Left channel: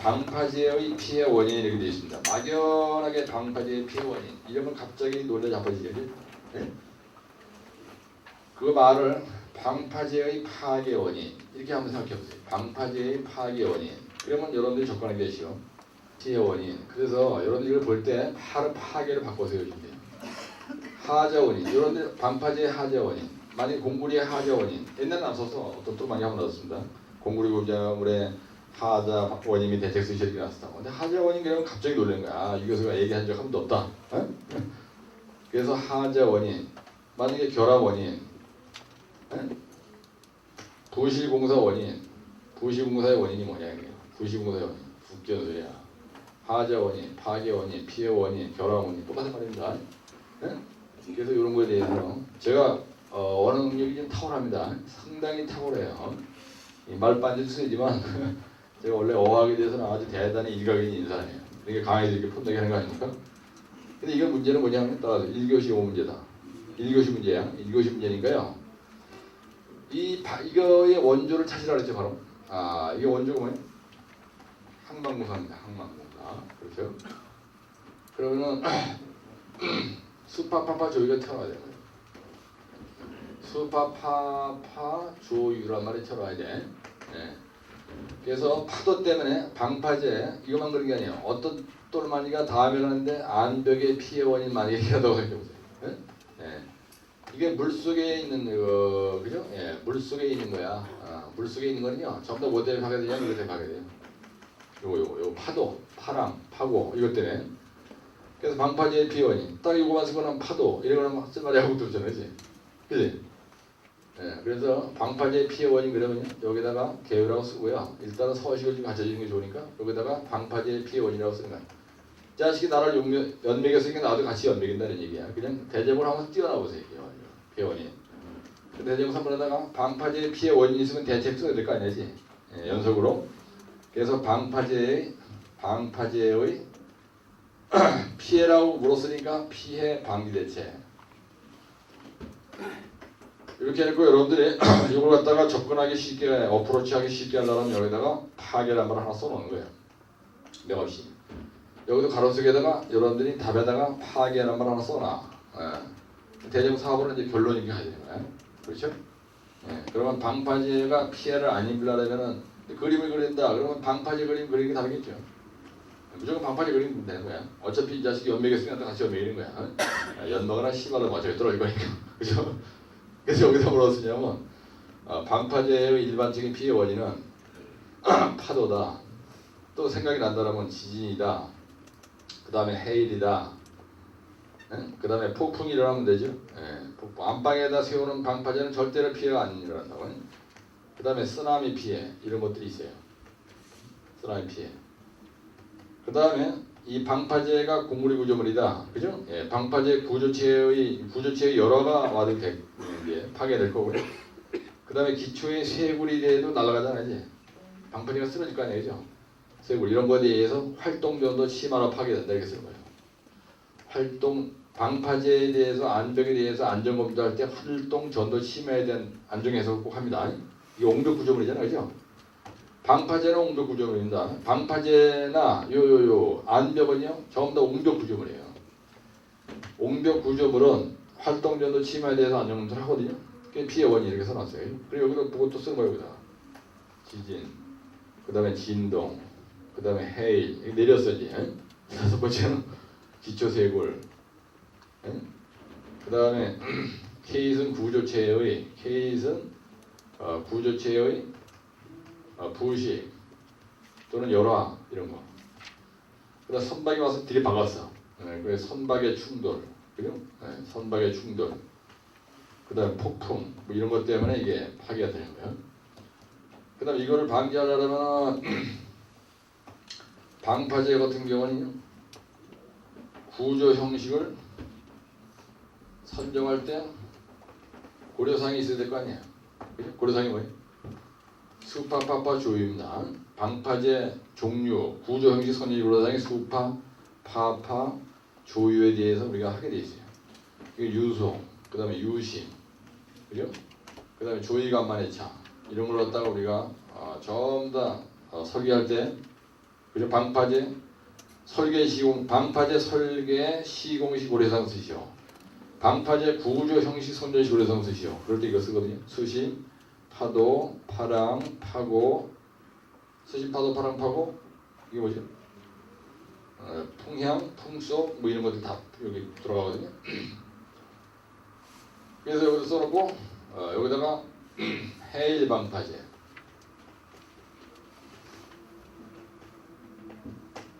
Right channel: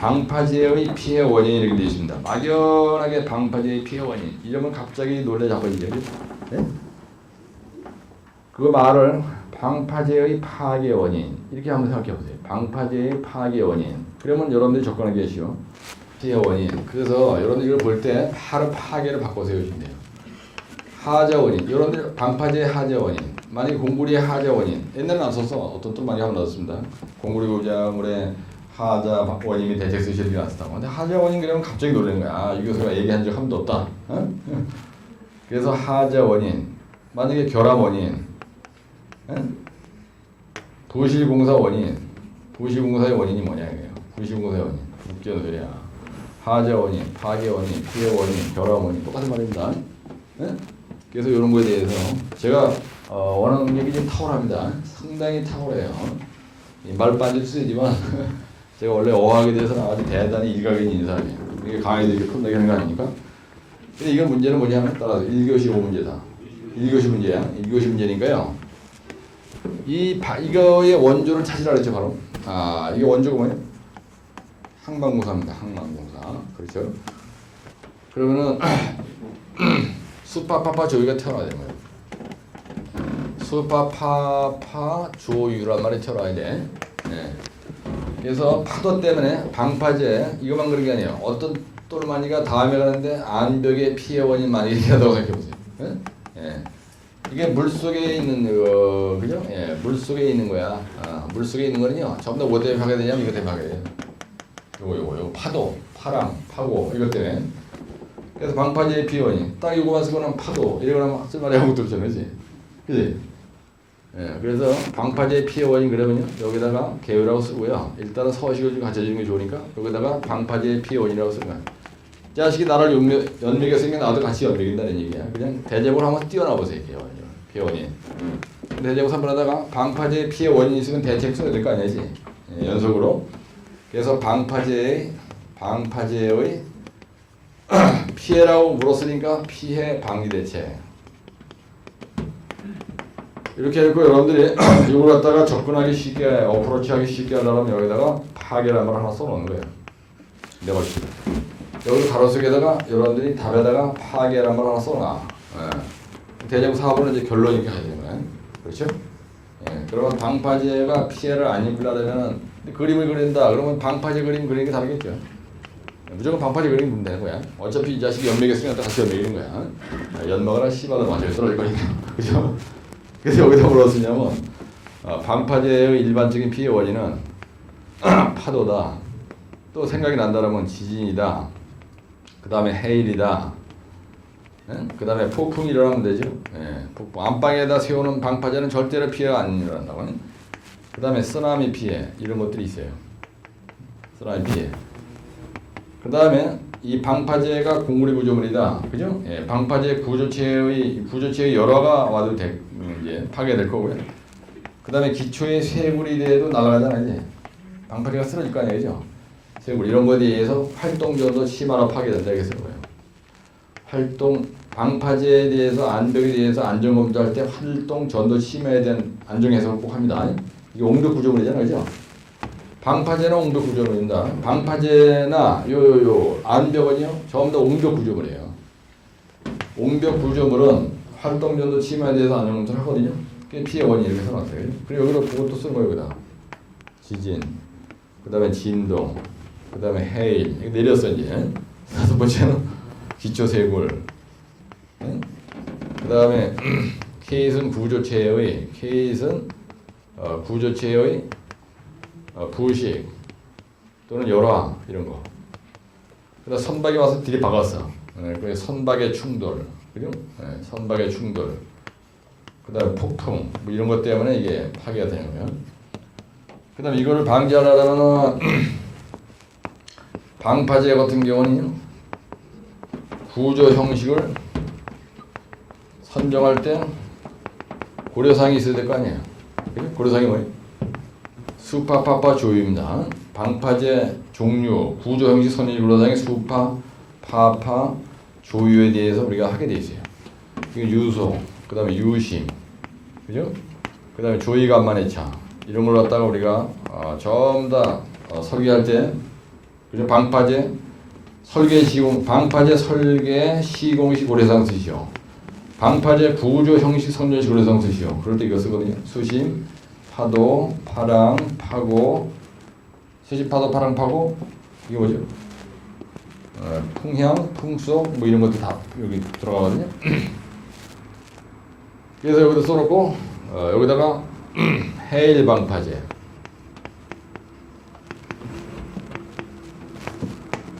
방파제의 피해 원인이 이렇게 되어 있습니다. 막연하게 방파제의 피해 원인. 이러면 갑자기 놀래 잡아지죠. 네? 그 말을 방파제의 파괴 원인 이렇게 한번 생각해 보세요. 방파제의 파괴 원인. 그러면 여러분들이 접근하기 쉬워. 피해 원인. 그래서 여러분들이 이걸 볼 때 바로 파괴를 바꿔 세우시면 돼요. 하자 원인. 여러분들 방파제의 하자 원인. 만약에 공구리의 하자 원인. 옛날에는 안 써서 어떤 또 많이 한번 넣었습니다. 공구리 고자물에 하자 원인이 대체수 실이 났었다. 근데 하자 원인 그러면 갑자기 놀라는 거야. 아, 이거 얘기한 적 한 번도 없다. 어? 그래서 하자 원인. 만약에 결함 원인. 부실공사 원인. 부실공사의 원인이 뭐냐 이거예요. 부실공사의 원인. 웃기는 소리야. 하자 원인, 파괴 원인, 피해 원인, 결함 원인 똑같은 말입니다. 그래서 이런 거에 대해서 제가 원하는 능력이 좀 탁월합니다. 상당히 탁월해요. 말 빠질 수 있지만 제가 원래 어학에 대해서는 아주 대단히 일각인 인사예요. 이게 강의도 이렇게 푼다게 하는 거 아닙니까? 근데 이거 문제는 뭐냐면 따라서 1교시 5문제다. 1교시 문제야. 1교시 문제니까요. 이거의 원조를 찾으라 그랬죠, 바로. 아, 이게 원조가 뭐예요? 항만공사입니다. 항만공사. 그렇죠? 그러면은 수파파파 조유가 튀어나와야 되는 거예요. 수파파파 조유란 말이 튀어나와야 돼. 네. 그래서 파도 때문에 방파제 이것만 그런 게 아니에요. 어떤 똘마니가 다음에 가는데 안벽의 피해 원인 많이 얘기하다고 생각해보세요. 네? 네. 이게 물 속에 있는 그죠? 예, 물 속에 있는 거야. 물 속에 있는 거는요. 전부 다 뭐 때문에 파괴 되냐면 이거 때문에 파괴 돼요. 요거 파도, 파랑, 파고 이것 때문에. 그래서 방파제의 피해 원인. 딱 이거만 쓰고는 파도 이러면 쓸만이 하고 들었잖아요, 그지? 예, 그래서 방파제의 피해 원인 그러면요 여기다가 개요라고 쓰고요. 일단 서식을 좀 갖춰주는 게 좋으니까 여기다가 방파제의 피해 원인이라고 쓰는 거야. 자식이 나를 연맥했으면 나도 같이 연맥인다는 얘기야. 그냥 대제목을 한번 띄워놔 보세요. 피해 원인. 대제목 3번에다가 방파제의 피해 원인이 있으면 대책 써야 될 거 아니지. 예, 연속으로. 그래서 방파제의 피해라고 물었으니까 피해 방지 대책. 이렇게 했고 여러분들이 이걸 갖다가 접근하기 쉽게 어프로치하기 쉽게 하려면 여기다가 파괴라는 걸 하나 써놓는 거예요. 네 번째. 여기 가로 속에다가 여러분들이 답에다가 파괴라는 걸 하나 써놔. 예. 대정 사업은 이제 결론이 가야 되는 거예요. 그렇죠? 예. 그러면 방파제가 피해를 안 입으려면 그림을 그린다. 그러면 방파제 그림 그리는 게 다르겠죠. 무조건 방파제 그리면 되는 거야. 어차피 이 자식이 연맥했으면 같이 연맥이는 거야. 연막이나 씨발로 맞아요. 썰어질 거니까. 그죠? 그래서 여기서 뭐라고 쓰냐면 방파제의 일반적인 피해 원인은 파도다. 또 생각이 난다면 지진이다. 그 다음에 해일이다. 그 다음에 폭풍이 일어나면 되죠. 폭풍. 안방에다 세우는 방파제는 절대로 피해가 안 일어난다고. 그 다음에 쓰나미 피해 이런 것들이 있어요. 쓰나미 피해. 그 다음에 이 방파제가 공구리 구조물이다. 그죠? 예, 방파제 구조체의 열화가 와도 이제 파괴될 거고요. 그 다음에 기초의 쇠굴이 돼도 날아가잖아요. 이제. 방파제가 쓰러질 거 아니에요. 쇠굴 이런 거에 대해서 활동전도 심화로 파괴된다. 이렇게 쓰는 거예요. 방파제에 대해서 안벽에 대해서 안전검사할 때 활동 전도 심화에 대한 안정해석을 꼭 합니다. 이게 옹벽 구조물이잖아요. 그죠? 방파제는 옹벽 구조물입니다. 방파제나 안벽은요 전부 다 옹벽 구조물이에요. 옹벽 구조물은 활동 전도 심화에 대해서 안전검사를 하거든요. 그게 피해 원인 이렇게 써놨어요. 그리고 여기로 그것도 쓰는 거예요. 여기다. 지진, 그 다음에 진동, 그 다음에 해일. 이거 내렸어 이제. 다섯 번째는 기초쇄골. 그 다음에 케이슨 구조체의 부식 또는 열화 이런 거. 그다음 선박이 와서 뒤에 박았어. 그래서 선박의 충돌, 그죠? 선박의 충돌. 그다음 폭풍 뭐 이런 것 때문에 이게 파괴가 되는 거야. 그다음 이거를 방지하려면 방파제 같은 경우는 구조 형식을 선정할 때 고려사항이 있어야 될 거 아니에요. 고려사항이 뭐예요? 수파파파 조유입니다. 방파제 종류, 구조 형식 선의 고려사항이 수파, 파파, 조유에 대해서 우리가 하게 돼 있어요. 이건 유소, 그 다음에 유심, 그죠? 그 다음에 조이간만의 차 이런 걸 갖다가 우리가 전부 다 설계할 때 그죠? 방파제 설계 시공 방파제 설계 시공식 고래상 쓰시오. 방파제 구조 형식 선전식 고래상 쓰시오. 그럴 때 이거 쓰거든요. 수심, 파도, 파랑, 파고, 수심, 파도, 파랑, 파고 이게 뭐죠? 풍향, 풍속 뭐 이런 것도 다 여기 들어가거든요. 그래서 여기다 써놓고 여기다가 해일 방파제.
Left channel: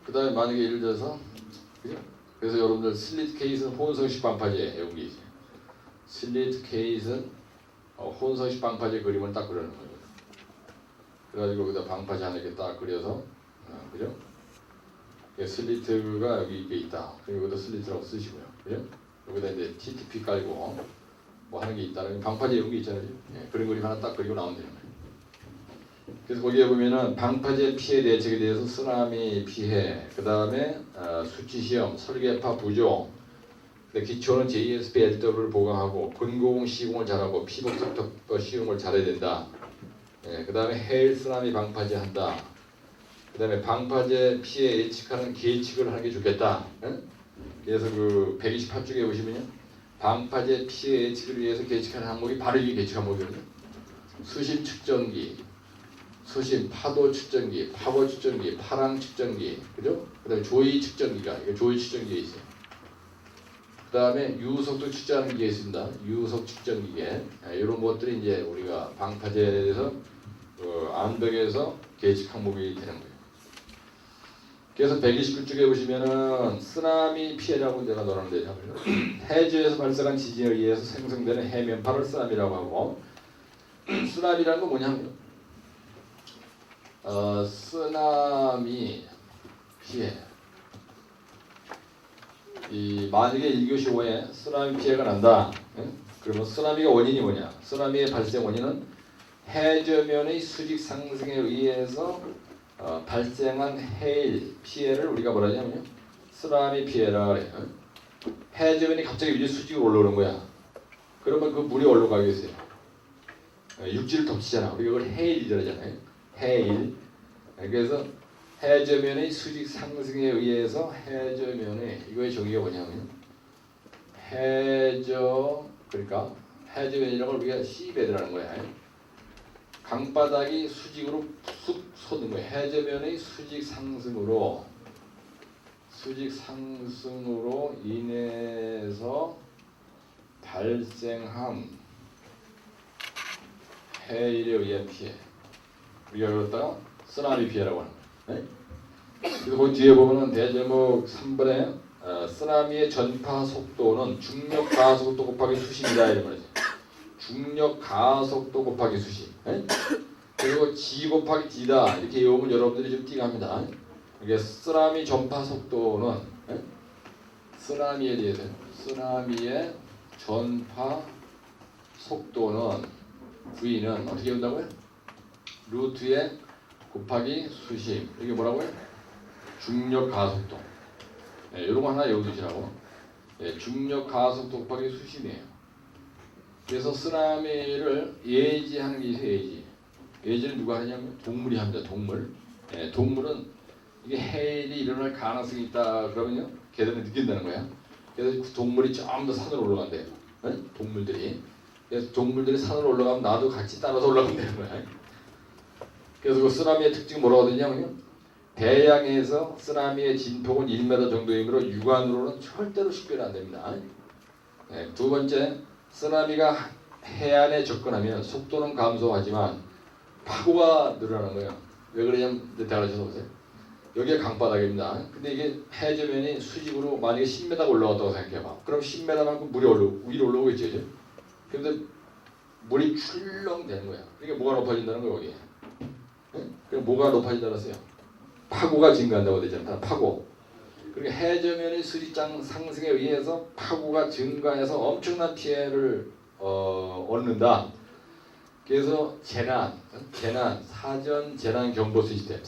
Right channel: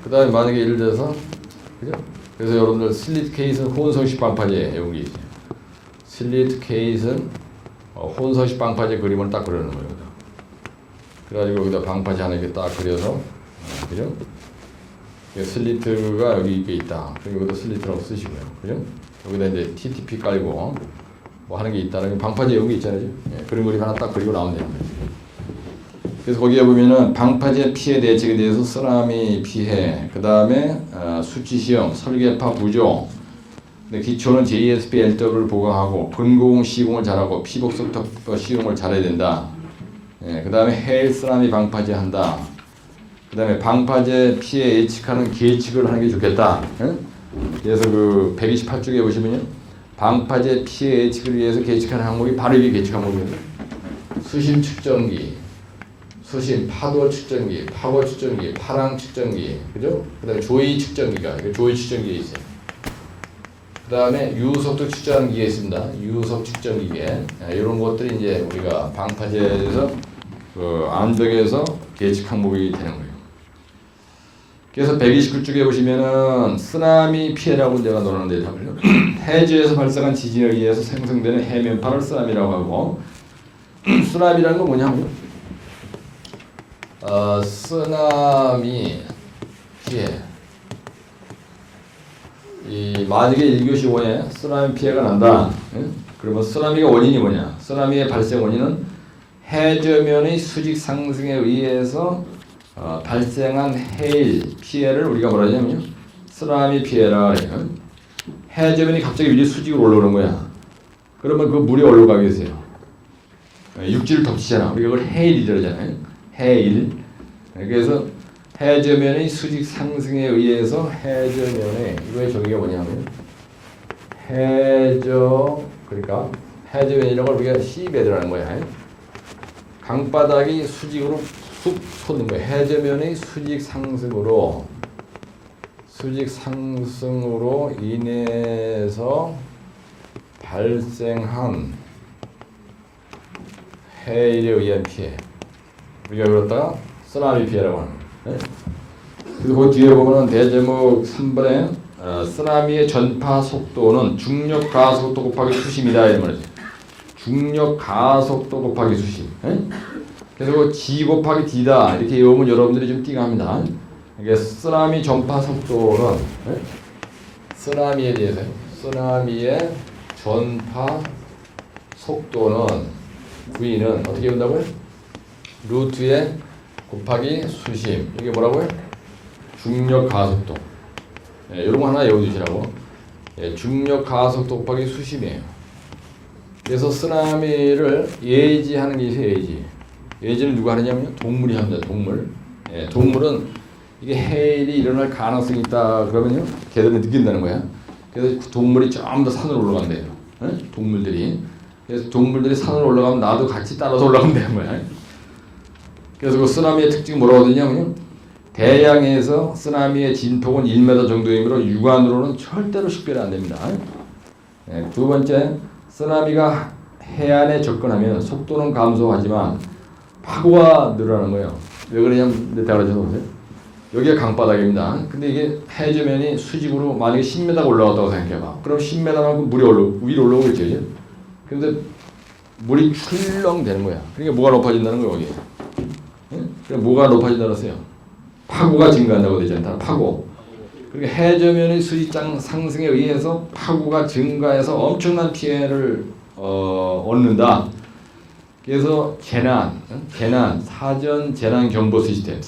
그 다음에 만약에 예를 들어서 그죠? 그래서 여러분들 슬리트 케이스는 혼성식 방파제 여기 있어요. 슬리트 케이스는 혼성식 방파제 그림을 딱 그려놓는 거예요. 그래가지고 여기다 방파제 하나 이렇게 딱 그려서 그죠? 슬리트가 여기 이게 있다. 그리고 여기다 슬리트라고 쓰시고요. 그죠? 여기다 이제 TTP 깔고 뭐 하는 게 있다는 방파제 여기 있잖아요. 예, 그런 그림 하나 딱 그리고 나오면 되는 거예요. 그래서 거기에 보면은 방파제 피해 대책에 대해서 쓰나미 피해, 그 다음에 수치 시험, 설계파 부조, 근데 기초는 JSP LW를 보강하고 근고공 시공을 잘하고 피복석터 시공을 잘해야 된다. 예, 그 다음에 해일 쓰나미 방파제 한다. 그 다음에 방파제 피해 예측하는 계측을 하는 게 좋겠다. 응? 그래서 그 128쪽에 보시면요, 방파제 피해 예측을 위해서 계측하는 항목이 바로 이게 계측 항목이에요. 수심 측정기, 수심 파도 측정기, 파고 측정기, 파랑 측정기, 그죠? 그다음에 조위 측정기가 조위 측정기에 있어요. 그다음에 유속도 측정하는 기계 있습니다. 유속 측정 기계. 이런 것들이 이제 우리가 방파제에서 그 암벽에서 계측 항목이 되는 거예요. 그래서 129쪽에 보시면은 쓰나미 피해라고 내가 넣었는데 답을요. 해저에서 발생한 지진에 의해서 생성되는 해면파를 쓰나미라고 하고, 쓰나미라는 건 뭐냐면 쓰나미 피해. 이 만약에 1교시 5에 쓰나미 피해가 난다. 그러면 쓰나미가 원인이 뭐냐? 쓰나미의 발생 원인은 해저면의 수직 상승에 의해서 발생한 해일 피해를 우리가 뭐라 하냐면요, 쓰나미 피해라 그래요. 해저면이 갑자기 위에 수직으로 올라오는 거야. 그러면 그 물이 어디로 가겠어요? 육지를 덮치잖아. 우리가 그걸 해일이라고 하잖아요. 해일. 그래서 해저면의 수직 상승에 의해서 해저면에 이거의 정의가 뭐냐면 해저, 그러니까 해저면이라는 걸 우리가 C베드라는 거야. 강바닥이 수직으로 쑥 솟는 거예요. 해저면의 수직 상승으로 인해서 발생한 해일에 의한 피해, 우리가 그렇다가 쓰나미 피해라고 하는 거예요. 그리고 그 뒤에 보면은 대제목 3번에 쓰나미의 전파 속도는 중력 가속도 곱하기 수심이다 이런 말이죠. 중력 가속도 곱하기 수심. 그리고 G 곱하기 D다 이렇게 외우면 여러분들이 좀 띵합니다. 이게 쓰나미 전파 속도는 쓰나미에 대해서 쓰나미의 전파 속도는 V는 어떻게 본다고요? 루트에 곱하기 수심. 이게 뭐라고요? 중력 가속도. 이런 거 하나 외워두시라고. 중력 가속도 곱하기 수심이에요. 그래서 쓰나미를 예지하는 게 있어요. 예지는 누가 하느냐면 동물이 합니다. 동물은 이게 해일이 일어날 가능성이 있다 그러면요, 걔들은 느낀다는 거야. 그래서 동물이 좀 더 산으로 올라간대요. 동물들이. 그래서 동물들이 산으로 올라가면 나도 같이 따라서 올라가면 되는 거야. 그래서 그 쓰나미의 특징이 뭐라고 하냐면 대양에서 쓰나미의 진폭은 1m 정도이므로 육안으로는 절대로 식별이 안 됩니다. 두 번째, 쓰나미가 해안에 접근하면 속도는 감소하지만 파고가 늘어나는 거예요. 왜 그러냐면 내가 보세요. 여기가 강바닥입니다. 근데 이게 해저면이 수직으로 만약에 10m 올라갔다고 생각해봐. 그럼 10m만큼 물이 위로 올라오겠죠. 그런데 물이 출렁 되는 거야. 그러니까 뭐가 높아진다는 거예요, 여기. 그러니까 뭐가 높아진다고 했어요? 파고가 증가한다고 되잖아. 파고. 그러니까 해저면의 수직 상승에 의해서 파고가 증가해서 엄청난 피해를 얻는다. 그래서 사전 재난 경보 시스템.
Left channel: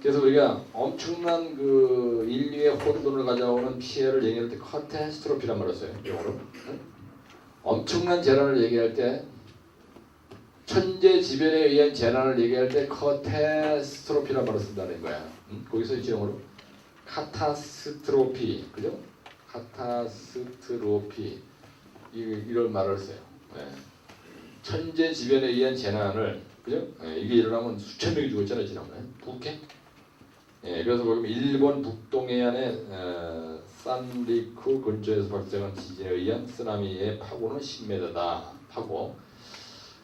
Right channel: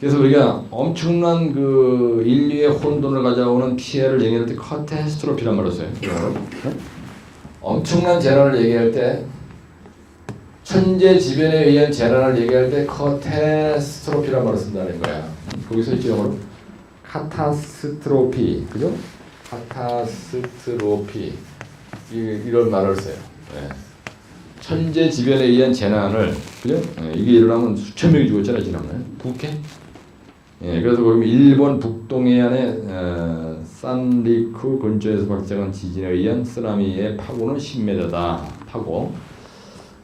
그래서 우리가 엄청난 그 인류의 혼돈을 가져오는 피해를 얘기할 때 카타스트로피란 말을 써요. 엄청난 재난을 얘기할 때 천재지변에 의한 재난을 얘기할 때 카타스트로피란 말을 쓴다는 거야. 거기서 이제 영어로 카타스트로피, 그죠? 카타스트로피 이런 말을 써요. 네. 천재지변에 의한 재난을, 그죠? 네, 이게 일어나면 수천 명이 죽었잖아요, 지난번에. 북해? 예, 그래서 보면 일본 북동해안의 산리쿠 근처에서 발생한 지진에 의한 쓰나미의 파고는 10m다. 파고.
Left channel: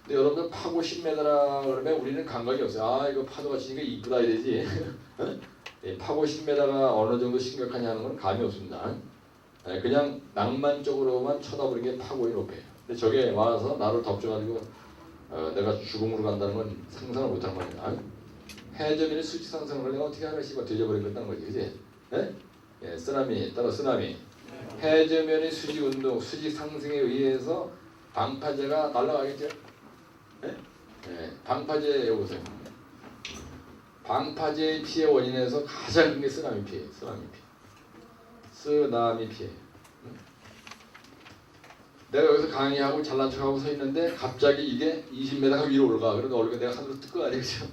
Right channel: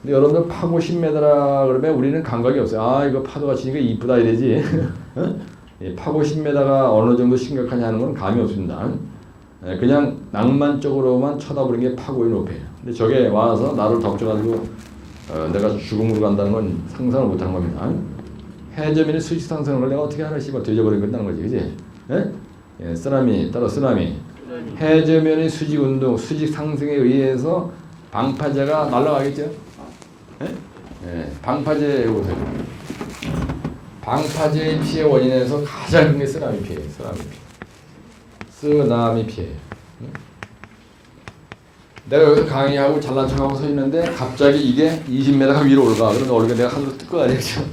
근데 여러분들 파고 10m라 그러면 우리는 감각이 없어요. 아, 이거 파도가 치니까 이쁘다 이러지. 예, 파고 10m가 어느 정도 심각하냐 하는 건 감이 없습니다. 예, 그냥 낭만적으로만 쳐다보는 게 파고의 높이에요. 근데 저게 와서 나를 덮쳐가지고 내가 죽음으로 간다는 건 상상을 못한 겁니다. 해저면이 수직 상승을 내가 어떻게 하나 씨발 되져버린 건다는 거지, 그지? 예? 예, 쓰나미 따로 쓰나미. 해저면이 수직 운동, 수직 상승에 의해서 방파제가 날아가겠죠? 예? 예, 방파제 보세요. 방파제의 피해 원인에서 가장 큰 게 쓰나미 피해, 쓰나미 피해. 내가 여기서 강의하고 잘난 척하고 서 있는데 갑자기 이게 20m가 위로 올라가. 그러면 얼굴에 내가 하늘로 뜯고 가야겠죠.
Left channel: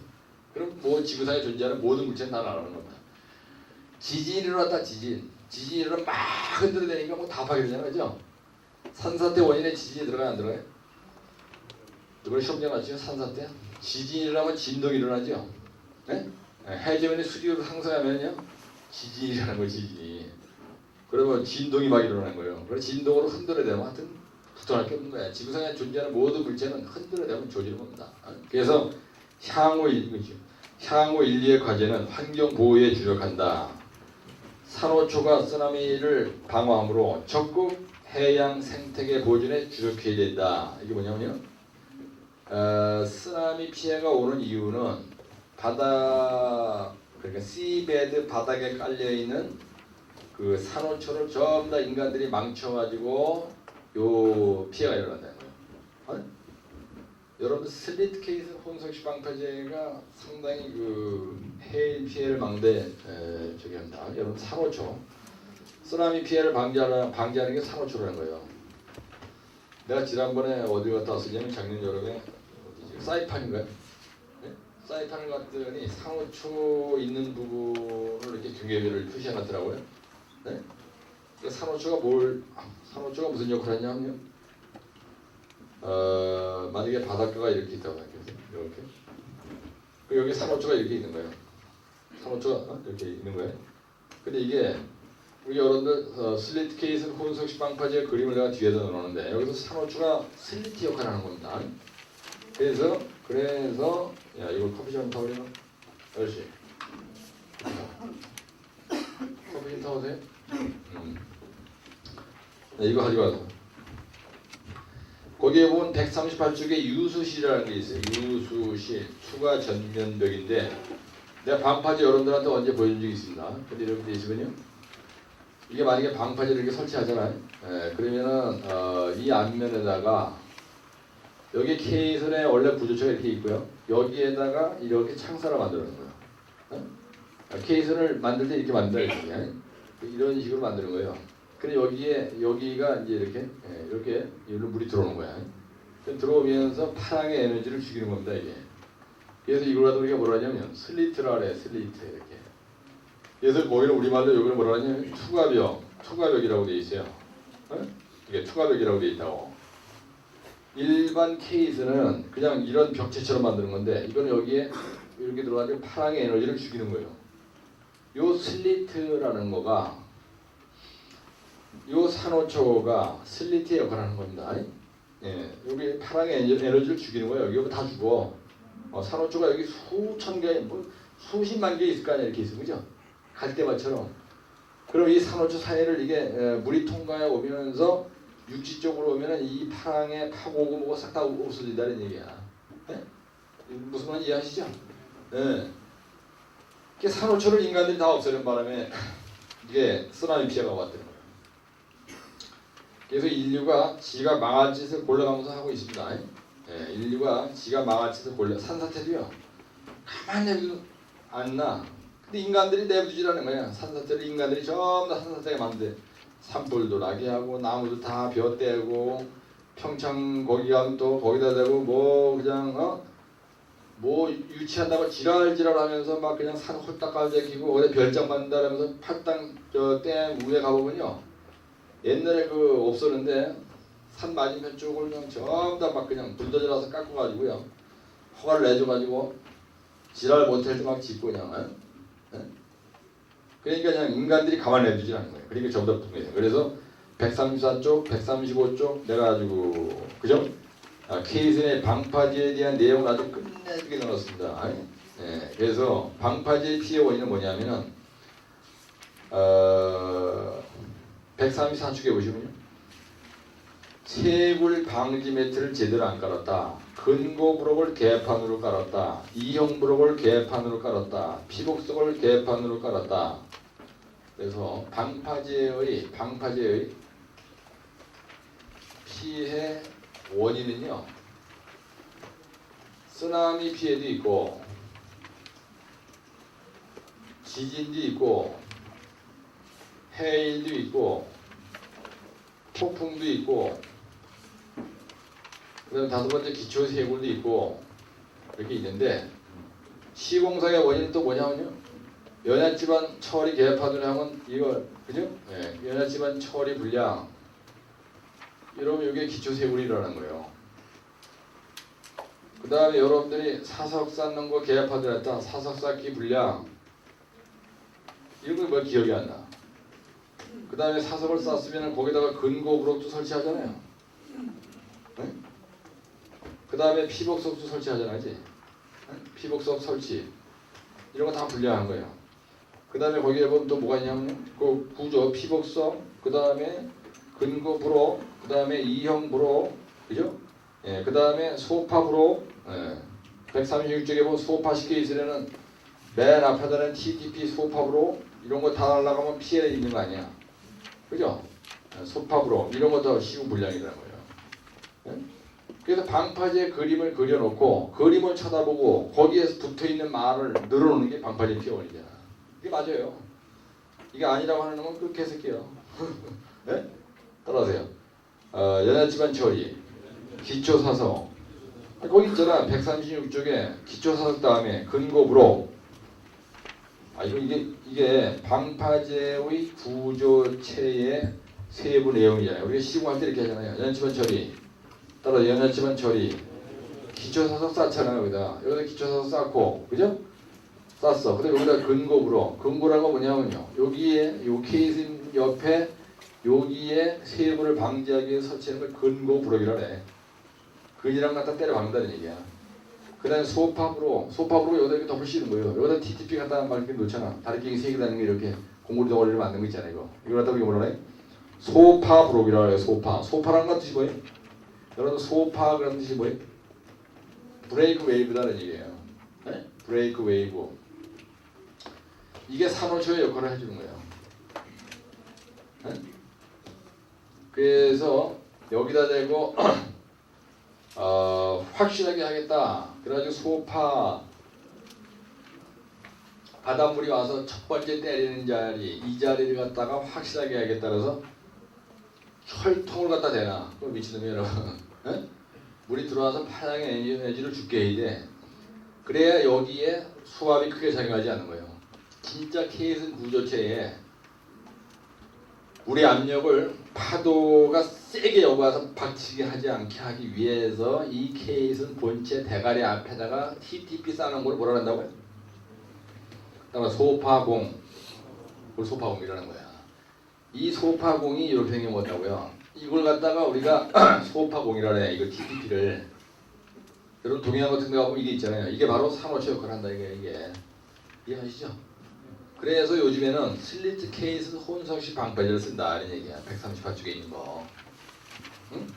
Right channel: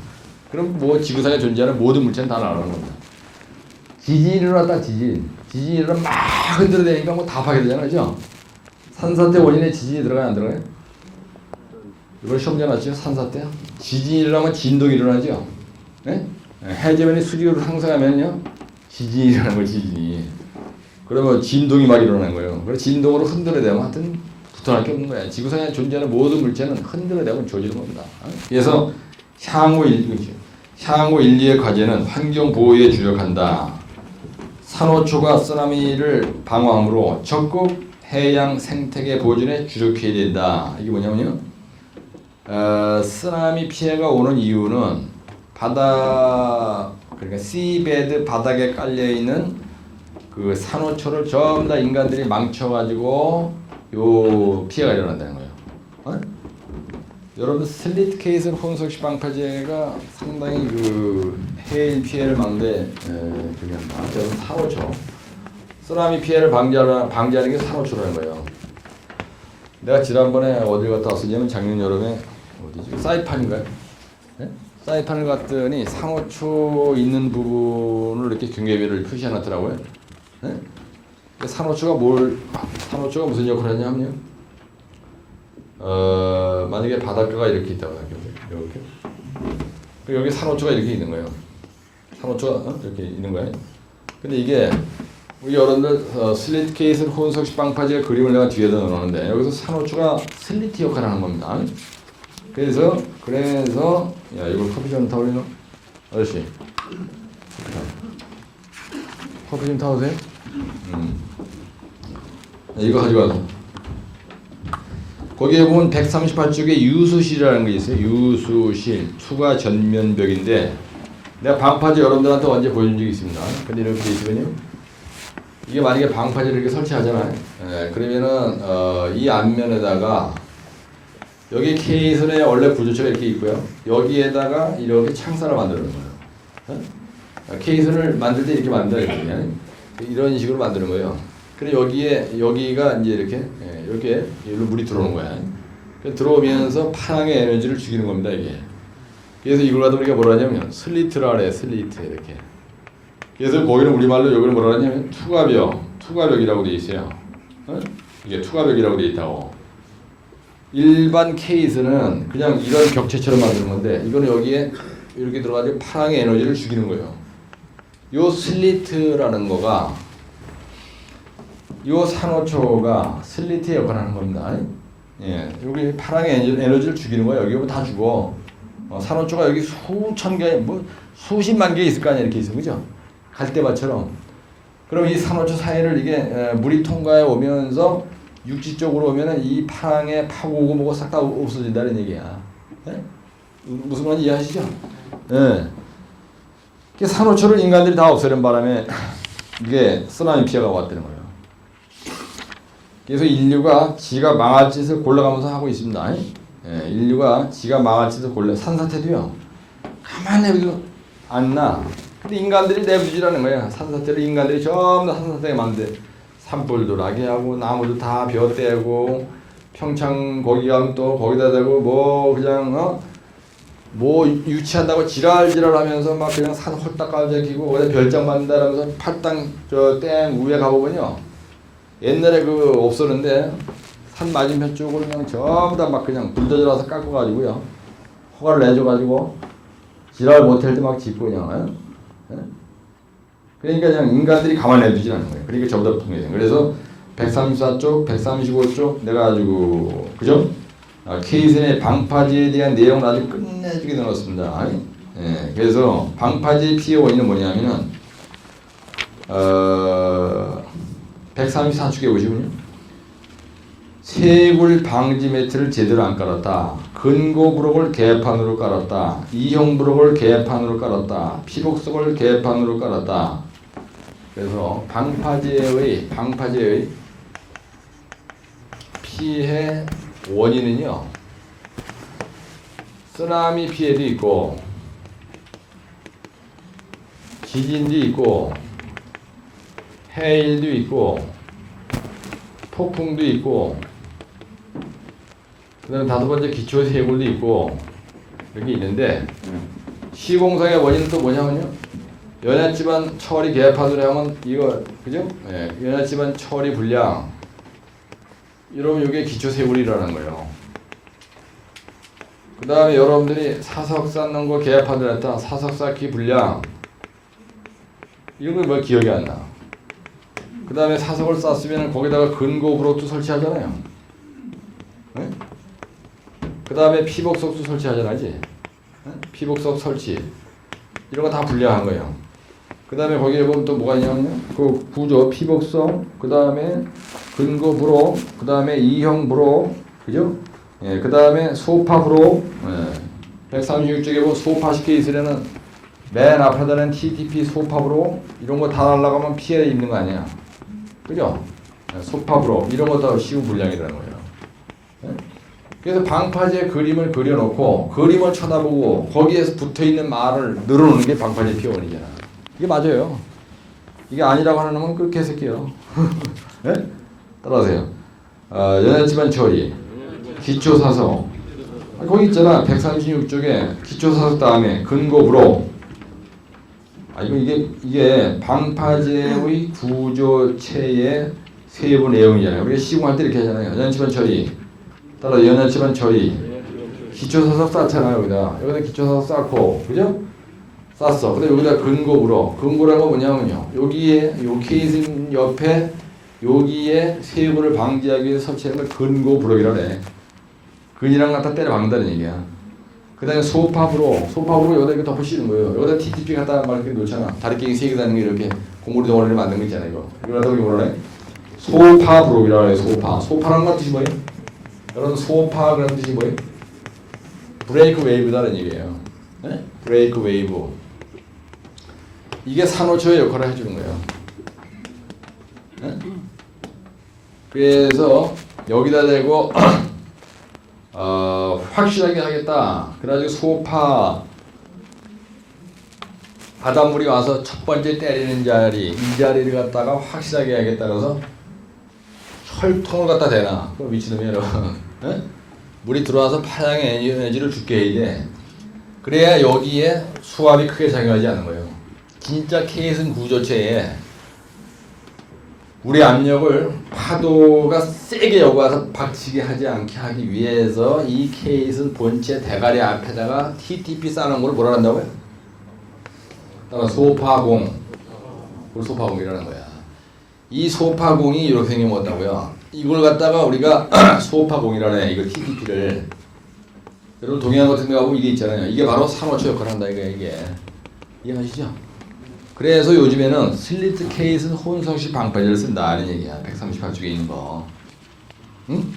그럼 뭐 지구상에 존재하는 모든 물체는 다 날아가는 겁니다. 지진이 일어났다, 지진이 일어나면 막 흔들어대니까 뭐 다 파괴되잖아요, 그죠? 산사태 원인에 지진이 들어가요, 안 들어가요? 이걸 시험 전왔죠, 산사태. 지진이 일어나면 진동이 일어나죠. 네? 해저면이 수직으로 상승하면요, 지진이 일어나는 거예요, 지진이. 그러면 진동이 막 일어나는 거예요. 그래서 진동으로 흔들어대면 하여튼 붙어날 게 없는 거야. 지구상에 존재하는 모든 물체는 흔들어대면 조지는 겁니다. 그래서 향후 인류의 과제는 환경 보호에 주력한다. 산호초가 쓰나미를 방어함으로 적극 해양 생태계 보존에 주력해야 된다. 이게 뭐냐면요. 쓰나미 피해가 오는 이유는 그러니까 시베드 바닥에 깔려 있는 그 산호초를 전부 다 인간들이 망쳐가지고 요 피해가 일어난다는 거예요. 어? 여러분 슬리트 케이스 혼속식 방파제가 상당히 그 해일 피해를 막는데 중요합니다. 산호초, 쓰나미 피해를 방지하는 게 산호초라는 거예요. 내가 지난번에 어딜 갔다 왔었냐면 작년 여름에 어디지? 사이판인가요? 네? 사이판을 갔더니 산호초 있는 부분을 이렇게 경계비를 표시해놨더라고요. 네? 산호초가 무슨 역할을 하냐면요. 만약에 바닷가가 이렇게 있다고 생각해보세요. 이렇게. 여기 산호초가 이렇게 있는 거예요. 산호초가 이렇게 있는 거예요. 근데 이게 우리 여러분들 슬리트 케이스 혼속식 방파제 그림을 내가 뒤에다 넣었는데 여기서 산호초가 슬리트 역할을 하는 겁니다. 그래서 야 이거 커피 좀 타올리나? 아저씨 커피 좀 타오세요? 이거 가져가서 거기에 보면 138쪽에 유수실이라는 게 있어요. 유수실 투과 전면벽인데 내가 방파제 여러분들한테 언제 보여준 적이 있습니다. 근데 이렇게 돼 있거든요. 이게 만약에 방파제를 이렇게 설치하잖아요. 그러면은 이 앞면에다가 여기 케이슨에 원래 구조체가 이렇게 있고요. 여기에다가 이렇게 창살을 만드는 거예요. 케이슨을 만들 때 이렇게 만들어요. 이런 식으로 만드는 거예요. 그래서 여기가 이제 이렇게 여기로 물이 들어오는 거야. 들어오면서 파랑의 에너지를 죽이는 겁니다, 이게. 그래서 이걸 가지고 우리가 뭐라 하냐면 슬리트라 그래, 슬리트 이렇게. 그래서 거기는 우리말로 여기를 뭐라 하냐면 투과벽이라고 돼 있어요. 이게 투과벽이라고 돼 있다고. 일반 케이스는 그냥 이런 격체처럼 만드는 건데 이거는 여기에 이렇게 들어가지고 파랑의 에너지를 죽이는 거예요. 요 슬리트라는 거가 요 산호초가 슬리트의 역할을 하는 겁니다. 예, 여기 파랑의 에너지를 죽이는 거예요. 여기 다 죽어. 산호초가 여기 수천 개, 뭐 수십만 개 있을 거 아니야, 이렇게 있어, 그죠? 갈대밭처럼. 그럼 이 산호초 사이를 이게 물이 통과해 오면서 육지 쪽으로 오면은 이 파랑에 파고오고 뭐고 싹 다 없어진다는 얘기야. 예? 무슨 말인지 이해하시죠? 예. 산호초를 인간들이 다 없애는 바람에 이게 쓰나미 피해가 왔다는 거예요. 그래서 인류가 지가 망할 짓을 골라가면서 하고 있습니다. 예, 인류가 지가 망할 짓을 산사태도요. 가만히 내비도 안 나. 근데 인간들이 내부지라는 거야. 산사태를 인간들이 전부 다 산사태가 만든 산불도 나게 하고 나무도 다 벼떼고 평창 거기 가면 또 거기다 대고 뭐 그냥 뭐 유치한다고 지랄하면서 막 그냥 산 홀딱 깔아기고 거기다 별장 만든다라면서 팔당 저 댐 위에 가보면요 옛날에 그 없었는데 산 맞은편 쪽으로 그냥 전부 다 막 그냥 불더져라서 깎아가지고요 허가를 내줘가지고 지랄 못할 때 막 짓고 그냥 예? 그러니까 그냥 인간들이 가만히 놔두지 않는 거예요. 그러니까 저보다 통해요. 그래서 134쪽, 135쪽 내가 가지고 그죠? 케이슨의 방파제에 대한 내용을 아주 끝내주게 넣었습니다. 예, 그래서 방파제의 피해 원인은 뭐냐면은 134쪽에 보시면요. 세굴 방지 매트를 제대로 안 깔았다. 근고 브록을 개판으로 깔았다. 이형 브록을 개판으로 깔았다. 피복석을 개판으로 깔았다. 그래서 방파제의 피해 원인은요. 쓰나미 피해도 있고 지진도 있고 해일도 있고 폭풍도 있고 그다음 다섯 번째 기초 세굴도 있고 이렇게 있는데 시공사의 원인은 또 뭐냐면요. 연안집안 처리 개판으로 하면 이거 그죠? 예, 연안집안 처리 불량 이러면 이게 기초 세굴이라는 거예요. 그 다음에 여러분들이 사석 쌓는 거 개판으로 했다. 사석 쌓기 불량 이런 거 뭐 기억이 안 나. 그 다음에 사석을 쌓으면 거기다가 근고 브록도 설치하잖아요. 네? 그 다음에 피복석도 설치하잖아요. 네? 피복석 설치 이런 거 다 불량한 거예요. 그 다음에 거기에 보면 또 뭐가 있냐면요. 그 구조 피복석 그 다음에 근고 브록 그 다음에 이형 브록 그죠? 예, 그 다음에 소파 브록 예, 136쪽에 보면 소파 케이스라는 맨 앞에다는 TTP 소파 브록 이런 거 다 날라가면 피해 있는 거 아니야. 그죠? 소파 브록 이런 거 다 시우 불량이라는 거예요. 예? 그래서 방파제 그림을 그려놓고 그림을 쳐다보고 거기에서 붙어있는 말을 늘어놓는 게 방파제 피원이잖아. 이게 맞아요. 이게 아니라고 하는 놈은 그렇게 해석해요. 네? 따라하세요. 연안집안 처리 기초사석 거기 있잖아. 136쪽에 기초사석 다음에 근거 브록 이게 방파제의 구조체의 세부 내용이잖아요. 우리가 시공할 때 이렇게 하잖아요. 연안집안 처리 따라 연안집안 처리 기초사석 쌓잖아요. 여기다 기초사석 쌓고 그죠? 쌌어. 근데 여기다 근고브로 근고라는 건 뭐냐면요. 여기에 요 케이슨 옆에 여기에 세부를 방지하기 위해 설치한 걸 근고브록이라 그래. 근이랑 갖다 때려 박는다는 얘기야. 그 다음에 소파브로 여기다 이렇게 덮으시는 거예요. 여기다 TTP 갖다 막 이렇게 놓잖아. 다리끼리 세개 다는 게 이렇게 고무로 덩어리를 만든 거 있잖아. 이거 갖다 뭐라 해? 소파브록이라 그래. 소파라는 건 뜻이 뭐예요? 여러분 소파 그런 뜻이 뭐예요? 브레이크 웨이브다는 얘기예요. 네? 브레이크 웨이브. 이게 산호초의 역할을 해주는 거예요. 네? 그래서 여기다 대고 확실하게 하겠다. 그래가지고 소파 바닷물이 와서 첫 번째 때리는 자리 이 자리를 갖다가 확실하게 해야겠다. 그래서 철통을 갖다 대나 그 미친놈이 여러분. 네? 물이 들어와서 파장의 에너지를 죽게 해야 돼. 그래야 여기에 수압이 크게 작용하지 않는 거예요. 진짜 케이슨 구조체에 우리 압력을 파도가 세게 여과서 박치게 하지 않게 하기 위해서 이 케이슨 본체 대가리 앞에다가 TTP 싸는 걸 뭐라 한다고요? 따라 소파공. 소파공이라는 거야. 이 소파공이 이렇게 생겨먹었다고요. 이걸 갖다가 우리가 소파공이라는 이거 TTP를 여러분 동해안 같은 데 가보면 이게 있잖아요. 이게 바로 산호초 역할을 한다 이게. 이해하시죠? 그래서 요즘에는 슬리트 케이슨 혼성식 방파제를 쓴다는 얘기야. 138쪽에 있는 거. 응?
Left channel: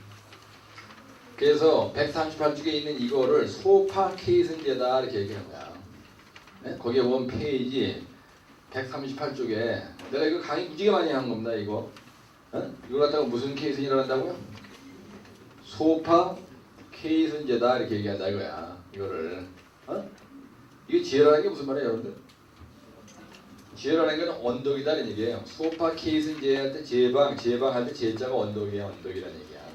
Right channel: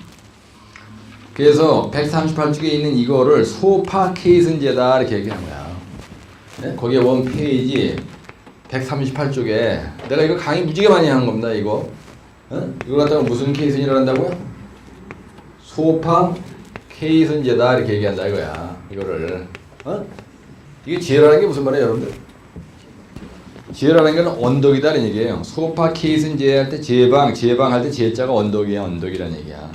그래서 138쪽에 있는 이거를 소파 케이슨제다 이렇게 얘기하는 거야. 네? 거기에 원 페이지 138쪽에 내가 이거 강의 무지개 많이 하는 겁니다. 이거. 이걸 갖다가 무슨 케이슨이라고 한다고요? 소파 케이슨제다 이렇게 얘기한다 이거야. 이거를. 이게 지혜라는 게 무슨 말이에요, 여러분들? 지혜라는 건 언덕이다는 얘기예요. 소파 케이슨 제할 때 제방할 때 제자가 언덕이야, 언덕이라는 얘기야.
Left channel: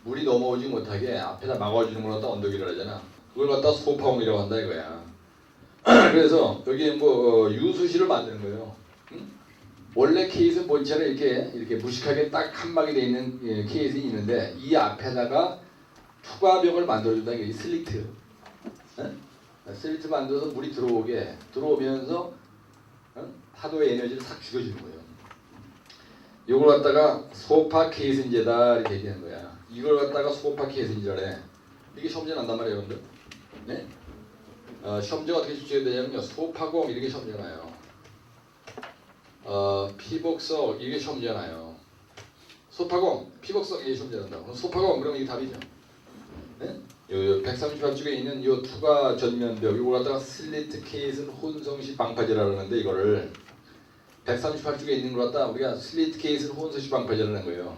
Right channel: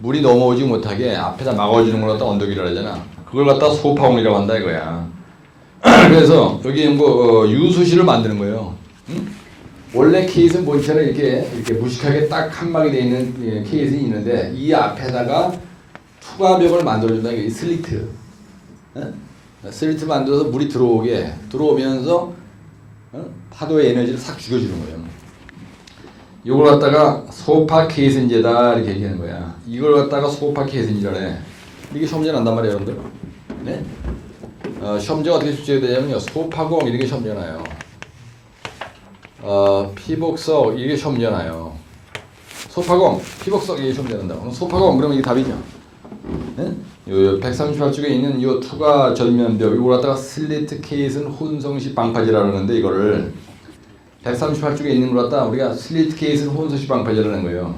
물이 넘어오지 못하게 앞에다 막아주는 걸 갖다 언덕이라고 하잖아. 그걸 갖다 소파공이라고 한다 이거야. 그래서 여기 뭐 유수시를 만드는 거예요. 응? 원래 케이스는 본체는 이렇게 무식하게 딱 칸막이 되어 있는 케이스는 있는데 이 앞에다가 투과벽을 만들어준다 이게 슬리트. 응? 슬리트 만들어서 물이 들어오면서 파도의 에너지를 싹 죽여주는 거예요. 이걸 갖다가 소파 케이스인제다 이렇게 얘기하는 거야. 이걸 갖다가 소파 케이스인제래. 이게 시험 문제 난단 말이에요, 여러분들. 네? 시험 문제가 어떻게 출제가 되냐면요. 소파공 이렇게 시험 문제 나요. 피복석 이게 시험 문제 나요. 소파공, 피복석 이게 시험 문제 난다. 소파공 그러면 이게 답이죠. 네? 요 138쪽에 있는 요 투과 전면벽 이걸 갖다가 슬리트 케이스는 혼성식 방파제라고 하는데 이거를 138쪽에 있는 걸 갖다 우리가 슬리트 케이스는 혼성식 방파제라는 거예요.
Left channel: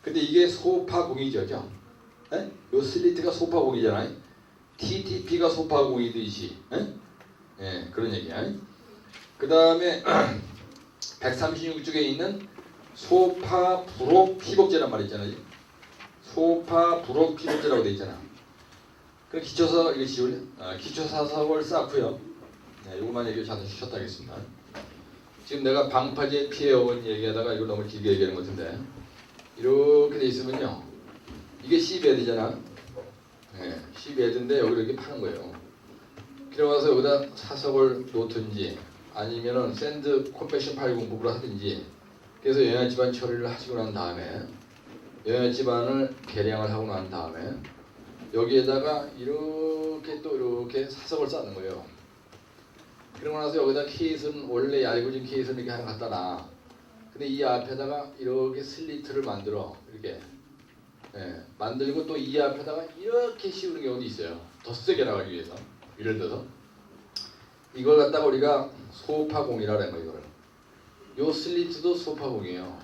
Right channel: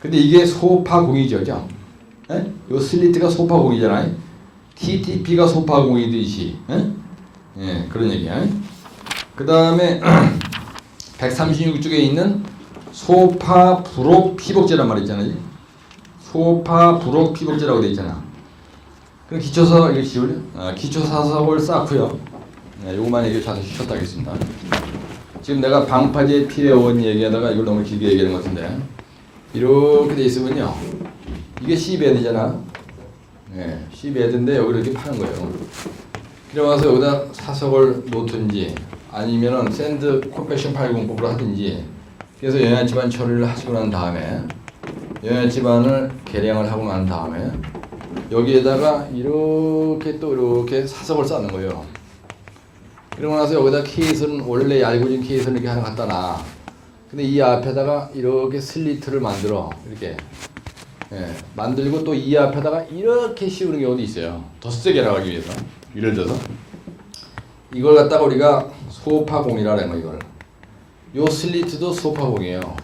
근데 이게 소파공이죠, 그죠? 네? 요 슬리트가 소파공이잖아요. TTP가 소파공이듯이, 예, 그런 얘기야. 그 다음에 136쪽에 있는 소파 부록 피복제란 말 있잖아요. 소파 부록 피복제라고 돼 있잖아. 그럼 기초서 이거 지울래? 기초사석을 쌓고요. 네, 요거만 얘기 자세히 쉬었다 하겠습니다. 지금 내가 방파제 피해 원 얘기하다가 이걸 너무 길게 얘기하는 것 같은데 이렇게 돼 있으면요. 이게 C베드잖아. 네, C베드인데 여기를 이렇게 파는 거예요. 그래서 여기다 사석을 놓든지 아니면은 샌드 컴팩션 파일 공법으로 하든지 그래서 영양지반 처리를 하시고 난 다음에 영양지반을 계량을 하고 난 다음에 여기에다가 이렇게 또 이렇게 사석을 쌓는 거예요. 그러고 나서 여기다 케이스는 원래 얇아진 케이스는 이렇게 하나 갖다 놔. 근데 이 앞에다가 이렇게 슬리트를 만들어 이렇게 만들고 또 이 앞에다가 이렇게 씌우는 경우도 있어요. 더 세게 나가기 위해서. 예를 들어서 이걸 갖다가 우리가 소파공이라고 하는 거 이걸. 요 슬리트도 소파공이에요.